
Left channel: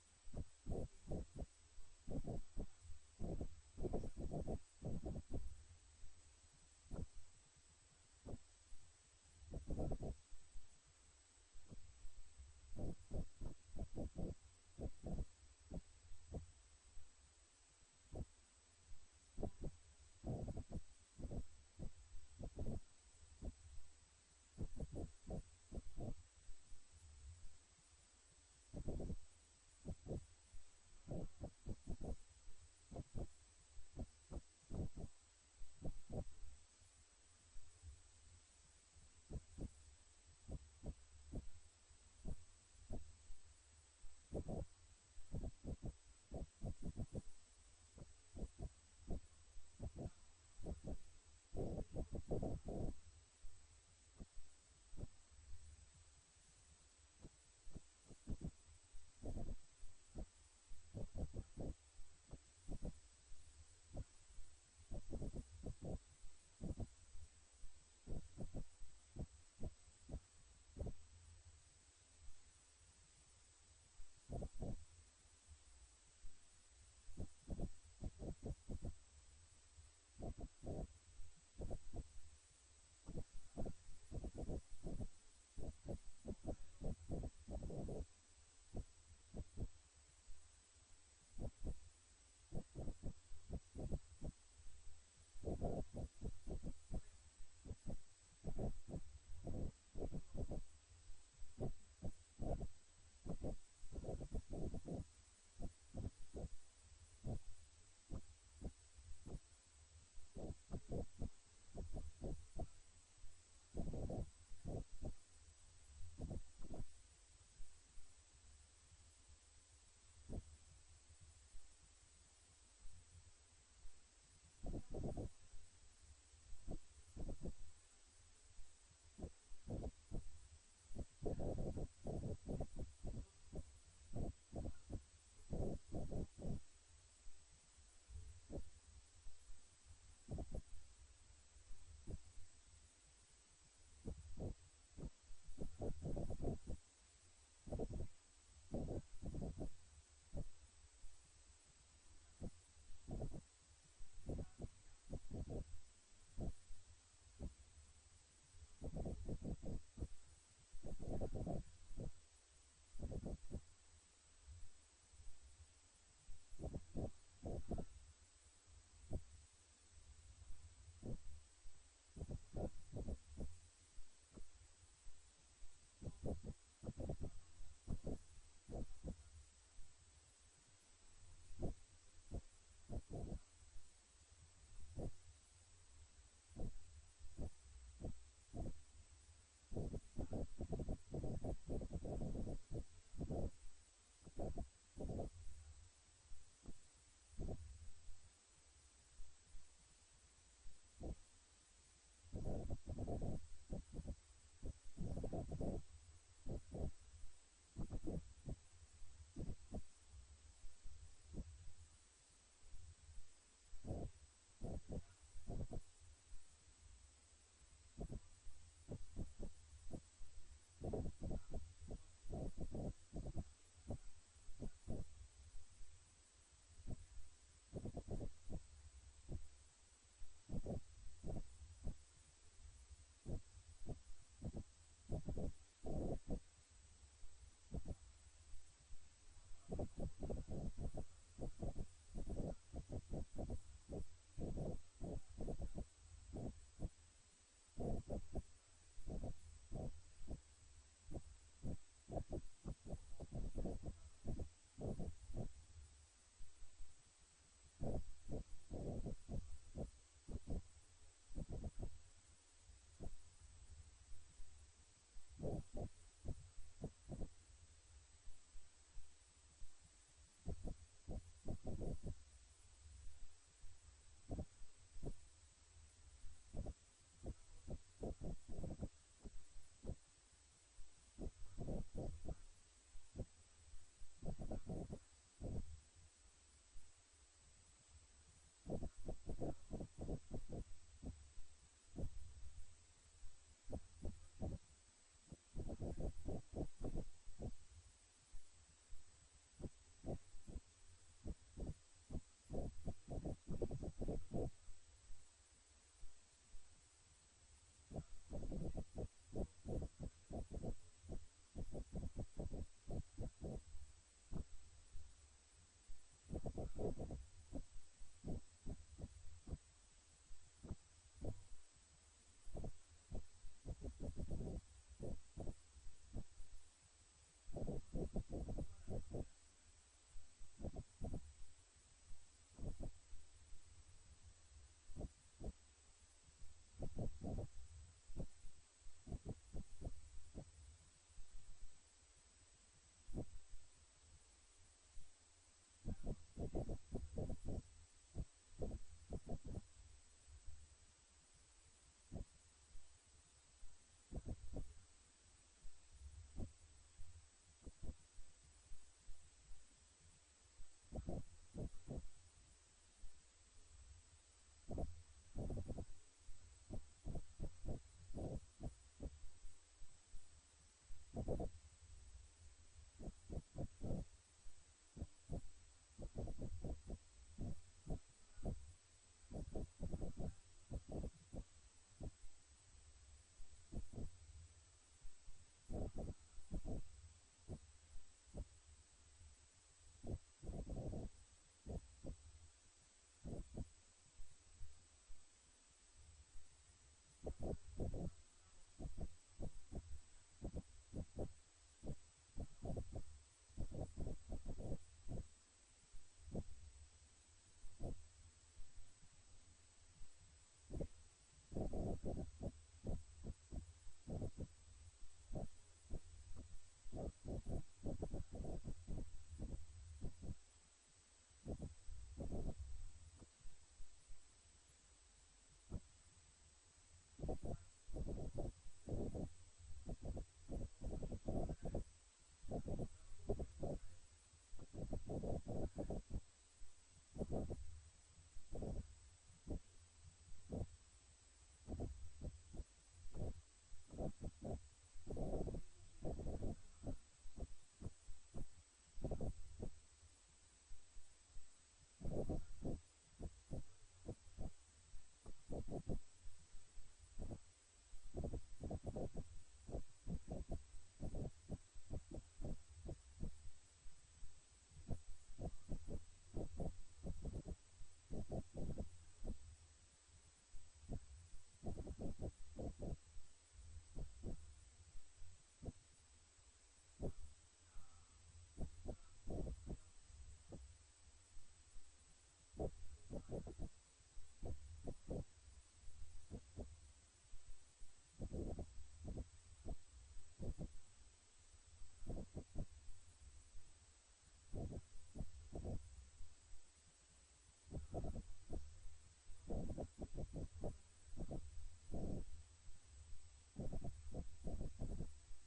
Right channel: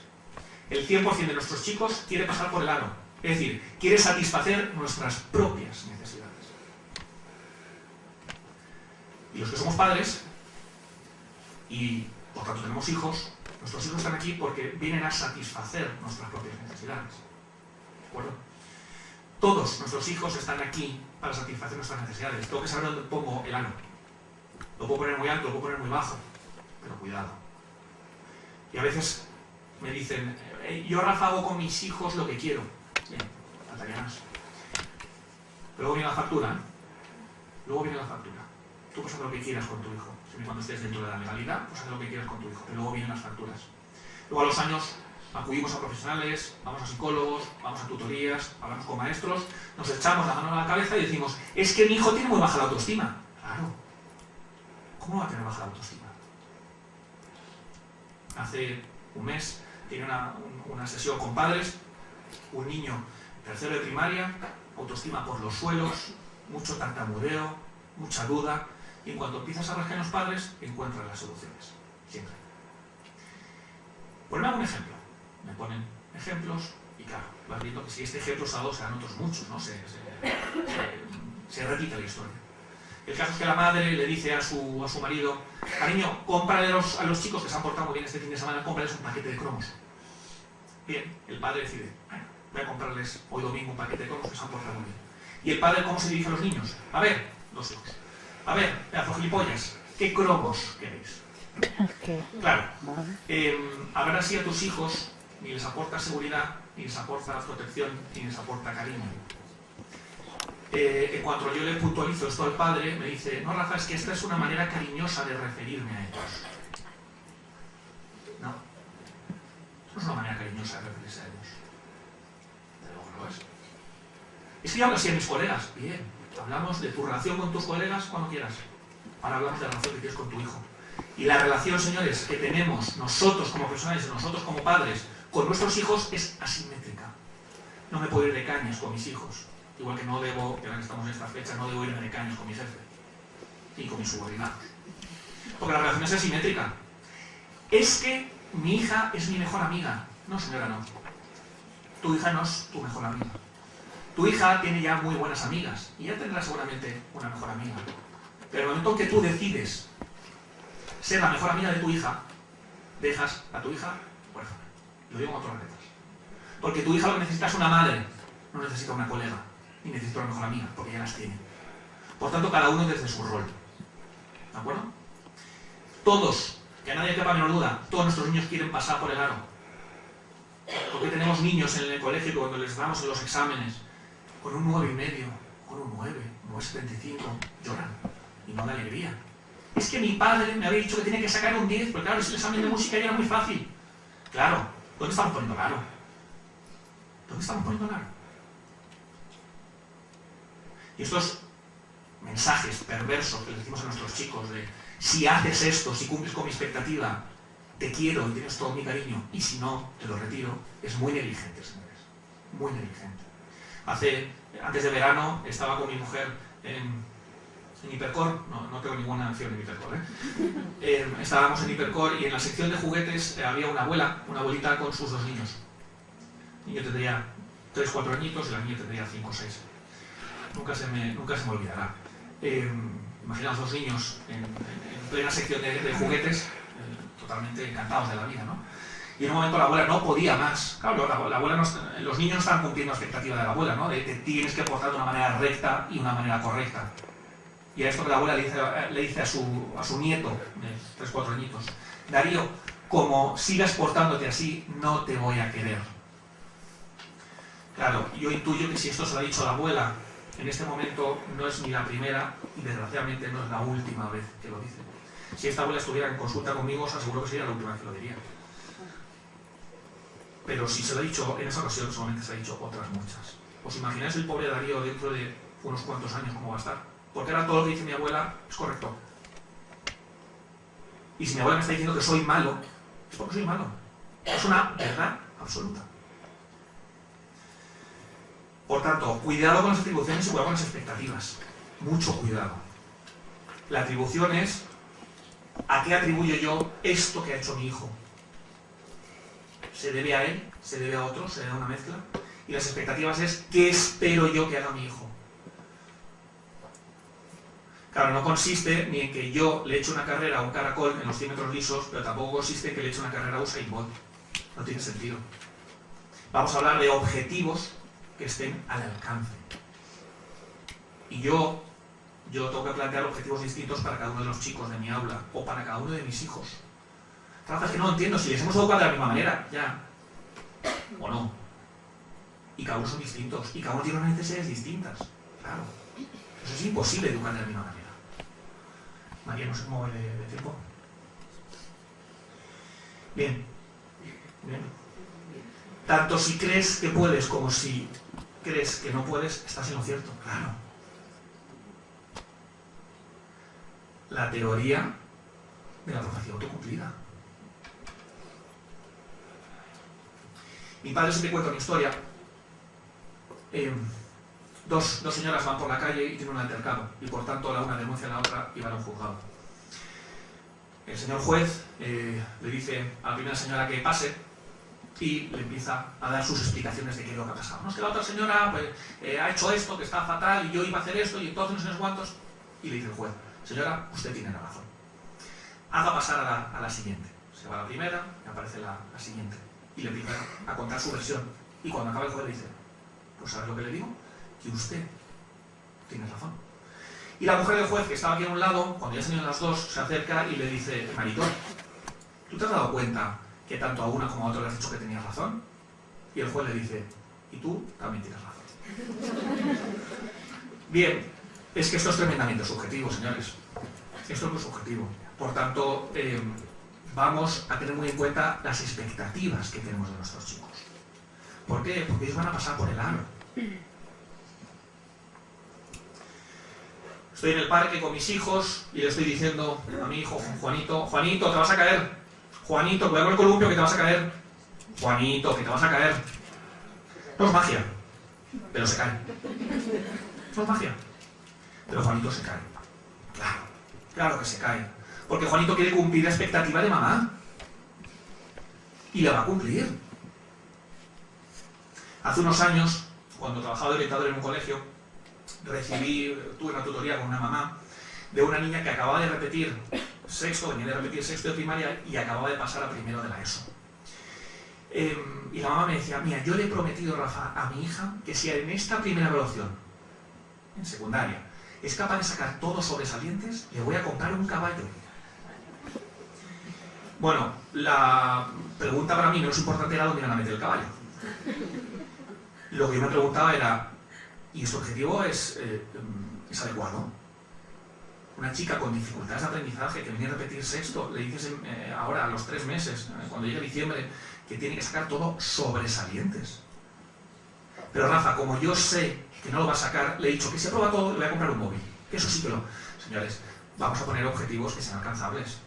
El 100% de nuestros chicos quiere pasar por el aro, es decir, quiere satisfacer nuestras propias necesidades. Y los que somos padres, y por tanto tenemos hijos, nuestros hijos están aquí porque vienen a satisfacer nuestras propias necesidades. ¿De acuerdo? Todos nuestros hijos están aquí para satisfacer nuestras necesidades. Tengo que saber dónde pongo el aro. Lo puedo poner muy alto, lo puedo poner muy bajo, pero cuidado. Y a veces me dicen, yo, Rafa, hago con mis hijos lo que quiero. Bien, faltaría más. Pero luego viene la factura, ¿eh? Luego viene la factura. Tú puedes hacer lo que quieras con tu hijo. Siempre cuando estés dentro de la legalidad, pues haz lo que quieras con tu hijo. Pero luego vienen las facturas. Luego a los años acudimos a profesionales, vamos a psicólogos, vamos a tutorías, hablamos con maestros, nos echamos la mano a la cabeza y decimos, es que mi hijo tiene muy baja la autoestima. Claro. ¿Cómo va a tener baja la autoestima? Hace un mes tenía una sesión con padres, un niño tercero de primaria, autoestima por los suelos, mucho tartamudeo, mucha duda, y en cuanto empiezas a rascar en los padres, encuentras las soluciones, siempre. Ponme algún ejemplo. Me ponen ejemplos y claro, vas viendo que si este ejemplo se ha dado, serán otros muchos, ¿no? Se repite la historia. El caso es que la madre le dice a su marido, cariño, cómprale a los chicos que se han portado muy bien este fin de semana, cómprales un paquete de cromos. Bien, el padre decide, bueno, voy a comprarles hoy domingo un paquete de cromos que se han portado muy bien. ¿Y el padre cómo se dirige a los niños? A ver, los hijos. A ver, pedazo gilipollas, ¿qué cromos queréis? Claro, a ver así a tus hijos ni les aporta seguridad, ni les aporta protección, ni les aporta cariño. En cuanto yo le puntualizo esto al padre, me dice, no, Rafa, es que esta es una manera cariñosa de referirme a ellos. No, no es una manera cariñosa de referirse a ellos. Desde luego no lo es. Es que yo hablo así a mis colegas. Bien, hablamos de tu relación con tus colegas cuando quieras. Ahora hablamos de la relación que tienes con tu hijo. Y la relación, señores, que tenemos nosotros como profesionales, nosotros como padres, con nuestros hijos es asimétrica. No me puedo ir de cañas con mis hijos. Igual que no debo, que ahora que estamos en esta fecha, no debo irme de cañas con mi jefe y con mis subordinados. Porque la relación es asimétrica. Es que mi hija es mi mejor amiga. No, señora, no. Tu hija no es tu mejor amiga. Tu hija tiene ya muy buenas amigas y ya tendrá seguramente una mejor amiga. Pero en el momento en que tú decides ser la mejor amiga de tu hija, dejas a tu hija huérfana. Lo digo con otras letras. Porque tu hija lo que necesita es una madre, no necesita una colega, ni necesita una mejor amiga, porque ya las tiene. Por tanto, cada uno desde su rol. ¿De acuerdo? Todos, que a nadie quepa menor duda, todos nuestros niños quieren pasar por el aro. Porque tenemos niños en el colegio que cuando les damos en los exámenes, con un 9,5, con un 9, 9,75, lloran y no da alegría. Es que mi padre me había dicho que tenía que sacar un 10, porque claro, ese examen de música ya era muy fácil. Claro, ¿dónde estamos poniendo el aro? ¿Dónde estamos poniendo el aro? Y estos mensajes perversos que les decimos a nuestros chicos de si haces esto, si cumples con mi expectativa, te quiero y tienes todo mi cariño, y si no, te lo retiro, es muy negligente, señores. Muy negligente. Antes de verano estaba con mi mujer en Hipercor, no tengo ninguna acción en Hipercor, estábamos en Hipercor y en la sección de juguetes había una abuelita con sus 2 niños. El niño tendría 3, 4 añitos y la niña tendría 5 o 6. nunca se me olvidará. Imaginaos dos niños en plena sección de juguetes, totalmente encantados de la vida, ¿no? Y en un momento la abuela no podía más. Claro, la abuela los niños no están cumpliendo la expectativa de la abuela, ¿no? De tienes que portar de una manera recta y una manera correcta. Y a esto que la abuela le dice a su nieto, de 3 o 4 añitos: Darío, como sigas portándote así, no te voy a querer. Claro, yo intuyo que si esto se lo ha dicho la abuela, en este momento no es ni la primera y desgraciadamente no es la última vez que lo dice. Si esta abuela estuviera en consulta conmigo, os aseguro que sería la última vez que lo diría. Pero si se lo ha dicho en esa ocasión, solamente se ha dicho otras muchas. ¿Os imagináis el pobre Darío dentro de unos cuantos años cómo va a estar? Porque ahora todo lo que dice mi abuela es correcto. Y si mi abuela me está diciendo que soy malo, es porque soy malo. Es una verdad absoluta. Por tanto, cuidado con las atribuciones y cuidado con las expectativas. Mucho cuidado. La atribución es: ¿a qué atribuyo yo esto que ha hecho mi hijo? ¿Se debe a él? ¿Se debe a otro? ¿Se debe a una mezcla? Y las expectativas es: ¿qué espero yo que haga mi hijo? Claro, no consiste ni en que yo le eche una carrera a un caracol en los 100 metros lisos, pero tampoco consiste en que le eche una carrera a Usain Bolt. No tiene sentido. Vamos a hablar de objetivos que estén al alcance. Y yo tengo que plantear objetivos distintos para cada uno de los chicos de mi aula o para cada uno de mis hijos. Rafa, es que no entiendo, si les hemos educado de la misma manera, ya. O no. Y cada uno son distintos, y cada uno tiene unas necesidades distintas. Claro. Eso es imposible educar de la misma manera. María, no sé cómo va de tiempo. Bien. Tanto si crees que puedes como si crees que no puedes, estás en lo cierto. Claro. La teoría de la profecía autocumplida. Mi padre siempre cuenta una historia. Dos señoras van por la calle y tienen un altercado, y por tanto la una denuncia a la otra y van a un juzgado. El señor juez le dice a la primera señora que pase y le empieza a dar sus explicaciones de qué es lo que ha pasado. No, es que la otra señora pues, ha hecho esto, que está fatal, y yo iba a hacer esto, y entonces no sé cuántos. Y le dice el juez: señora, usted tiene la razón. Haga pasar a la siguiente. Se va a la primera y aparece la siguiente. Y le empieza a contar su versión. Y cuando acaba el juez le dice: pues ¿sabes lo que le digo? Que usted tiene razón. Y la mujer del juez, que estaba aquí a un lado, cuando ya se unieron las dos, se acerca y le dice: Marito, ¿tú te has dado cuenta que tanto a una como a otra le has dicho que tenías razón? Y el juez le dice: y tú también tienes razón. Bien, es que esto es tremendamente subjetivo, señores. Esto es muy subjetivo. Por tanto, vamos a tener muy en cuenta las expectativas que tenemos de nuestros chicos. ¿Por qué? Porque ellos van a pasar por el aro. Estoy en el parque con mis hijos y le estoy diciendo a mi hijo Juanito: Juanito, te vas a caer. Juanito, cuidado con el columpio que te vas a caer. Juanito, que te vas a caer. No es magia, pero se cae. No es magia, pero Juanito se cae. Claro que se cae. Porque Juanito quiere cumplir la expectativa de mamá. Y la va a cumplir. Hace unos años, cuando trabajaba de orientador en un colegio, tuve una tutoría con una mamá de una niña que acababa de repetir sexto de primaria y acababa de pasar a primero de la ESO. Y la mamá me decía: mira, yo le he prometido, Rafa, a mi hija que si en esta primera evaluación, en secundaria, es capaz de sacar todos sobresalientes, le voy a comprar un caballo. Bueno, la pregunta para mí menos importante era dónde iban a meter el caballo. Lo que yo me preguntaba era: ¿y este objetivo es adecuado? Una chica con dificultades de aprendizaje que venía a repetir sexto, le dices ahora a los 3 meses, cuando llegue diciembre, que tiene que sacar todo sobresalientes. Pero Rafa, como yo sé que no lo va a sacar, le he dicho que si aprueba todo le voy a comprar un móvil. Eso sí que lo... Señores, vamos a poner objetivos que sean alcanzables.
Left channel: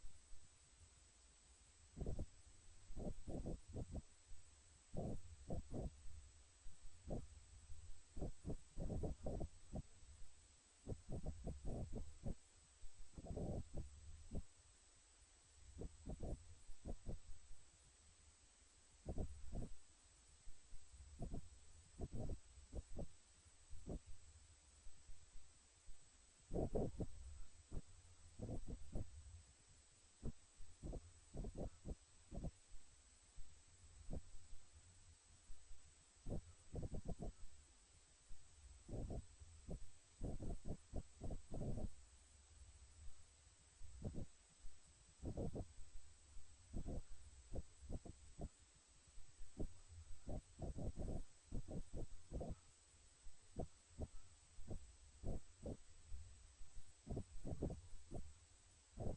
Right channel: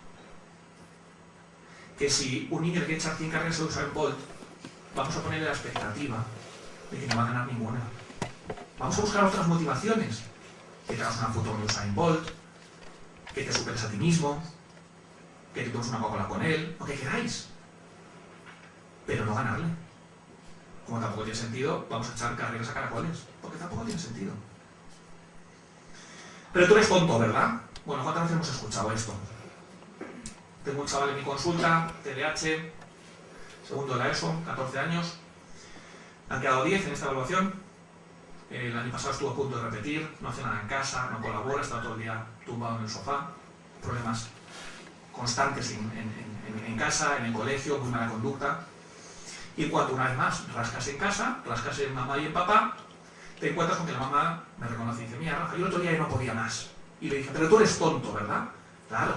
Que si un niño le quiere echar 100 carreras de Usain Bolt, vamos a ponerle la expectativa de que no va a ganar ninguna. Vamos a buscar otras motivaciones. Que te hagas una foto con Usain Bolt, que te superes a ti mismo, que te tomes una Coca-Cola con él, lo que queráis. Pero no ganarle. Como tampoco tiene sentido, vamos a echar carreras a caracoles, porque tampoco tiene sentido. Pero tú eres tonto, ¿verdad? Bueno, ¿cuántas veces hemos escuchado esto? Tengo un chaval en mi consulta, TDAH, segundo de la ESO, 14 años. Han quedado 10 en esta evaluación. El año pasado estuvo a punto de repetir, no hace nada en casa, no colabora, está todo el día tumbado en el sofá. Problemas constantes en casa, en el colegio, muy mala conducta. Y cuando una vez más rascas en casa, rascas en mamá y en papá, te encuentras con que la mamá me reconoce y dice: mira, Rafa, yo el otro día ya no podía más. Y le dice: pero tú eres tonto, ¿verdad? Claro.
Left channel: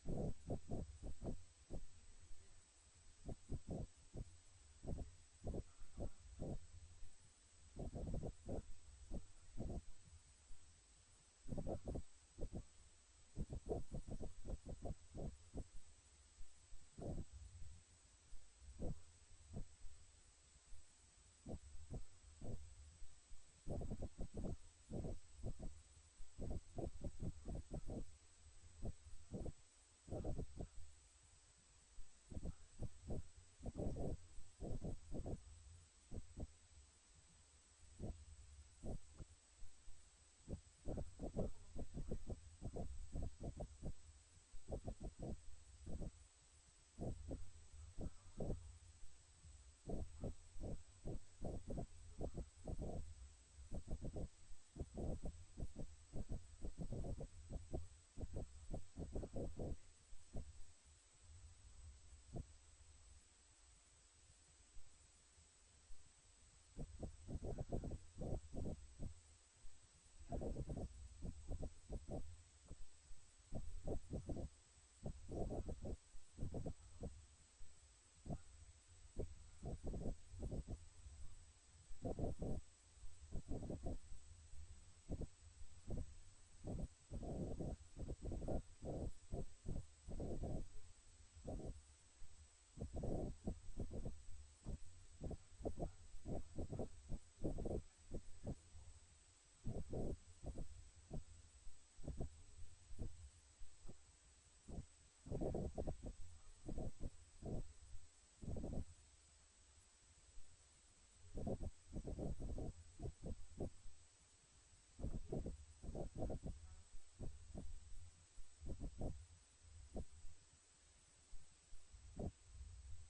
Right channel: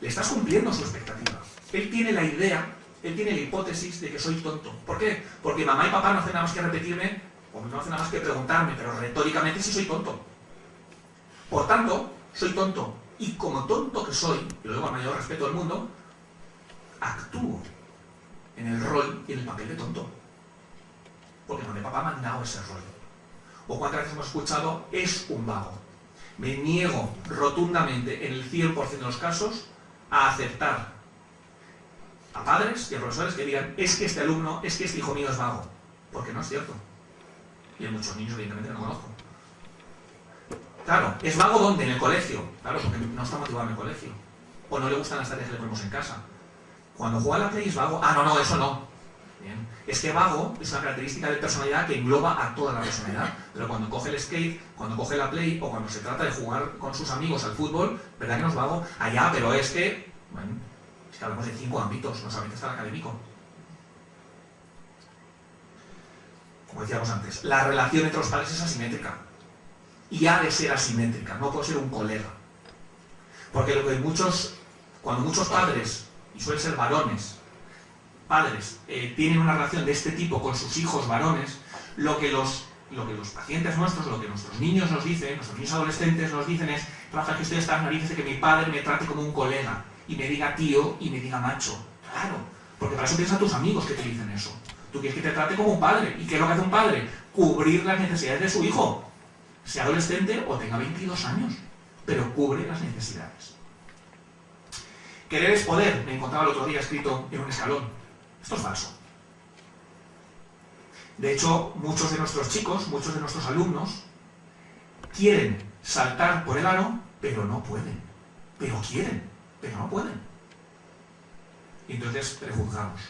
Le estás cumpliendo su expectativa. Él tiene la idea, él tiene la hipótesis de que soy tonto. ¿Por qué? Porque mamá y papá no hacen nada más que repetirme, o no hacen nada más que preguntarme, pero retóricamente sí soy tonto. Por tanto, soy tonto. Y como tonto que soy, y lo digo con mayor respeto del mundo, actúo en el rol y en el papel de tonto. Porque mamá y papá me han dado ese rol. O cuántas veces hemos escuchado: es un vago. Me niego rotundamente, en el 100% de los casos, a aceptar a padres y a profesores que digan: es que este alumno, es que este hijo mío es vago. Porque no es cierto. Y hay muchos niños, evidentemente, no conozco. Claro, ¿es vago dónde? En el colegio. Claro, porque no está motivado en el colegio. O no le gustan las tareas que le ponemos en casa. Cuando juega a la Play es vago. Ah, no, eso no. Bien. Es que vago es una característica de personalidad que engloba a toda la personalidad. Pero cuando coge el skate, cuando coge la Play, o cuando se trata de jugar con sus amigos al fútbol, ¿verdad que no es vago? Allá, pero es que... Bueno, es que hablamos de 5 ámbitos, no solamente está el académico. Como decíamos antes, la relación entre los padres es asimétrica. Y ha de ser asimétrica, no puede ser un colega. Porque lo que cuando muchos padres, y suelen ser varones, padres, tienen una relación de este tipo con sus hijos varones, lo que los pacientes nuestros, lo que nuestros niños nos dicen, nuestros niños adolescentes nos dicen es: Rafa, que estoy hasta las narices de que mi padre me trate como un colega, y me diga tío, y me diga macho. Claro, porque para eso tienes a tus amigos que te dicen eso. Tú quieres que te trate como un padre. ¿Y qué es lo que hace un padre? Cubrir las necesidades de su hijo, sea adolescente o tenga 22 años, pero cubre las necesidades. Querer es poder, me encontraba el otro día escrito en un escalón. Esto es falso. De hecho, muchos de nuestros chicos, muchos de nuestros alumnos, quieren saltar por el aro, pero no pueden. Pero quieren, pero no pueden. Y entonces prejuzgamos,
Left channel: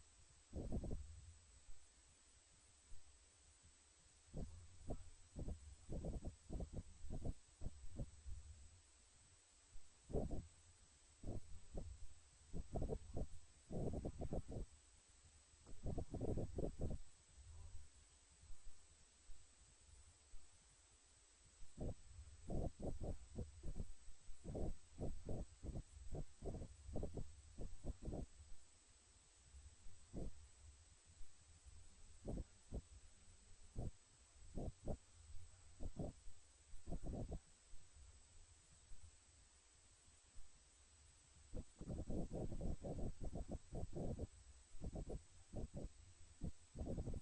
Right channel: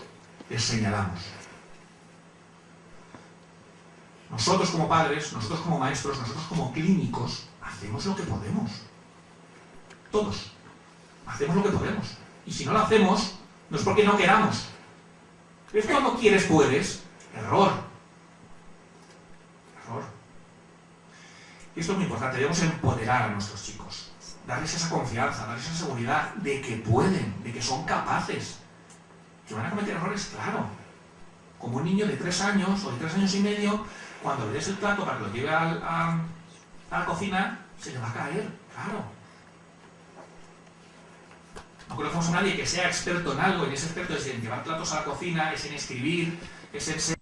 les señalamos. Nosotros como padres, nosotros como maestros, nosotros como clínicos, hacemos lo que podemos. Todos. Hacemos lo que podemos. Y si no lo hacemos, no es porque no queramos. Es cuando quieres, puedes. Error. Error. Y esto es muy importante. Debemos empoderar a nuestros chicos. Darles esa confianza, darles esa seguridad de que pueden, de que son capaces. ¿Que van a cometer errores? Claro. Como un niño de 3 años o de 3 años y medio, cuando le des el plato para que lo lleve a la cocina, se le va a caer, claro. No conocemos a nadie que sea experto en algo, y ese experto es en llevar platos a la cocina, es en escribir, es en ser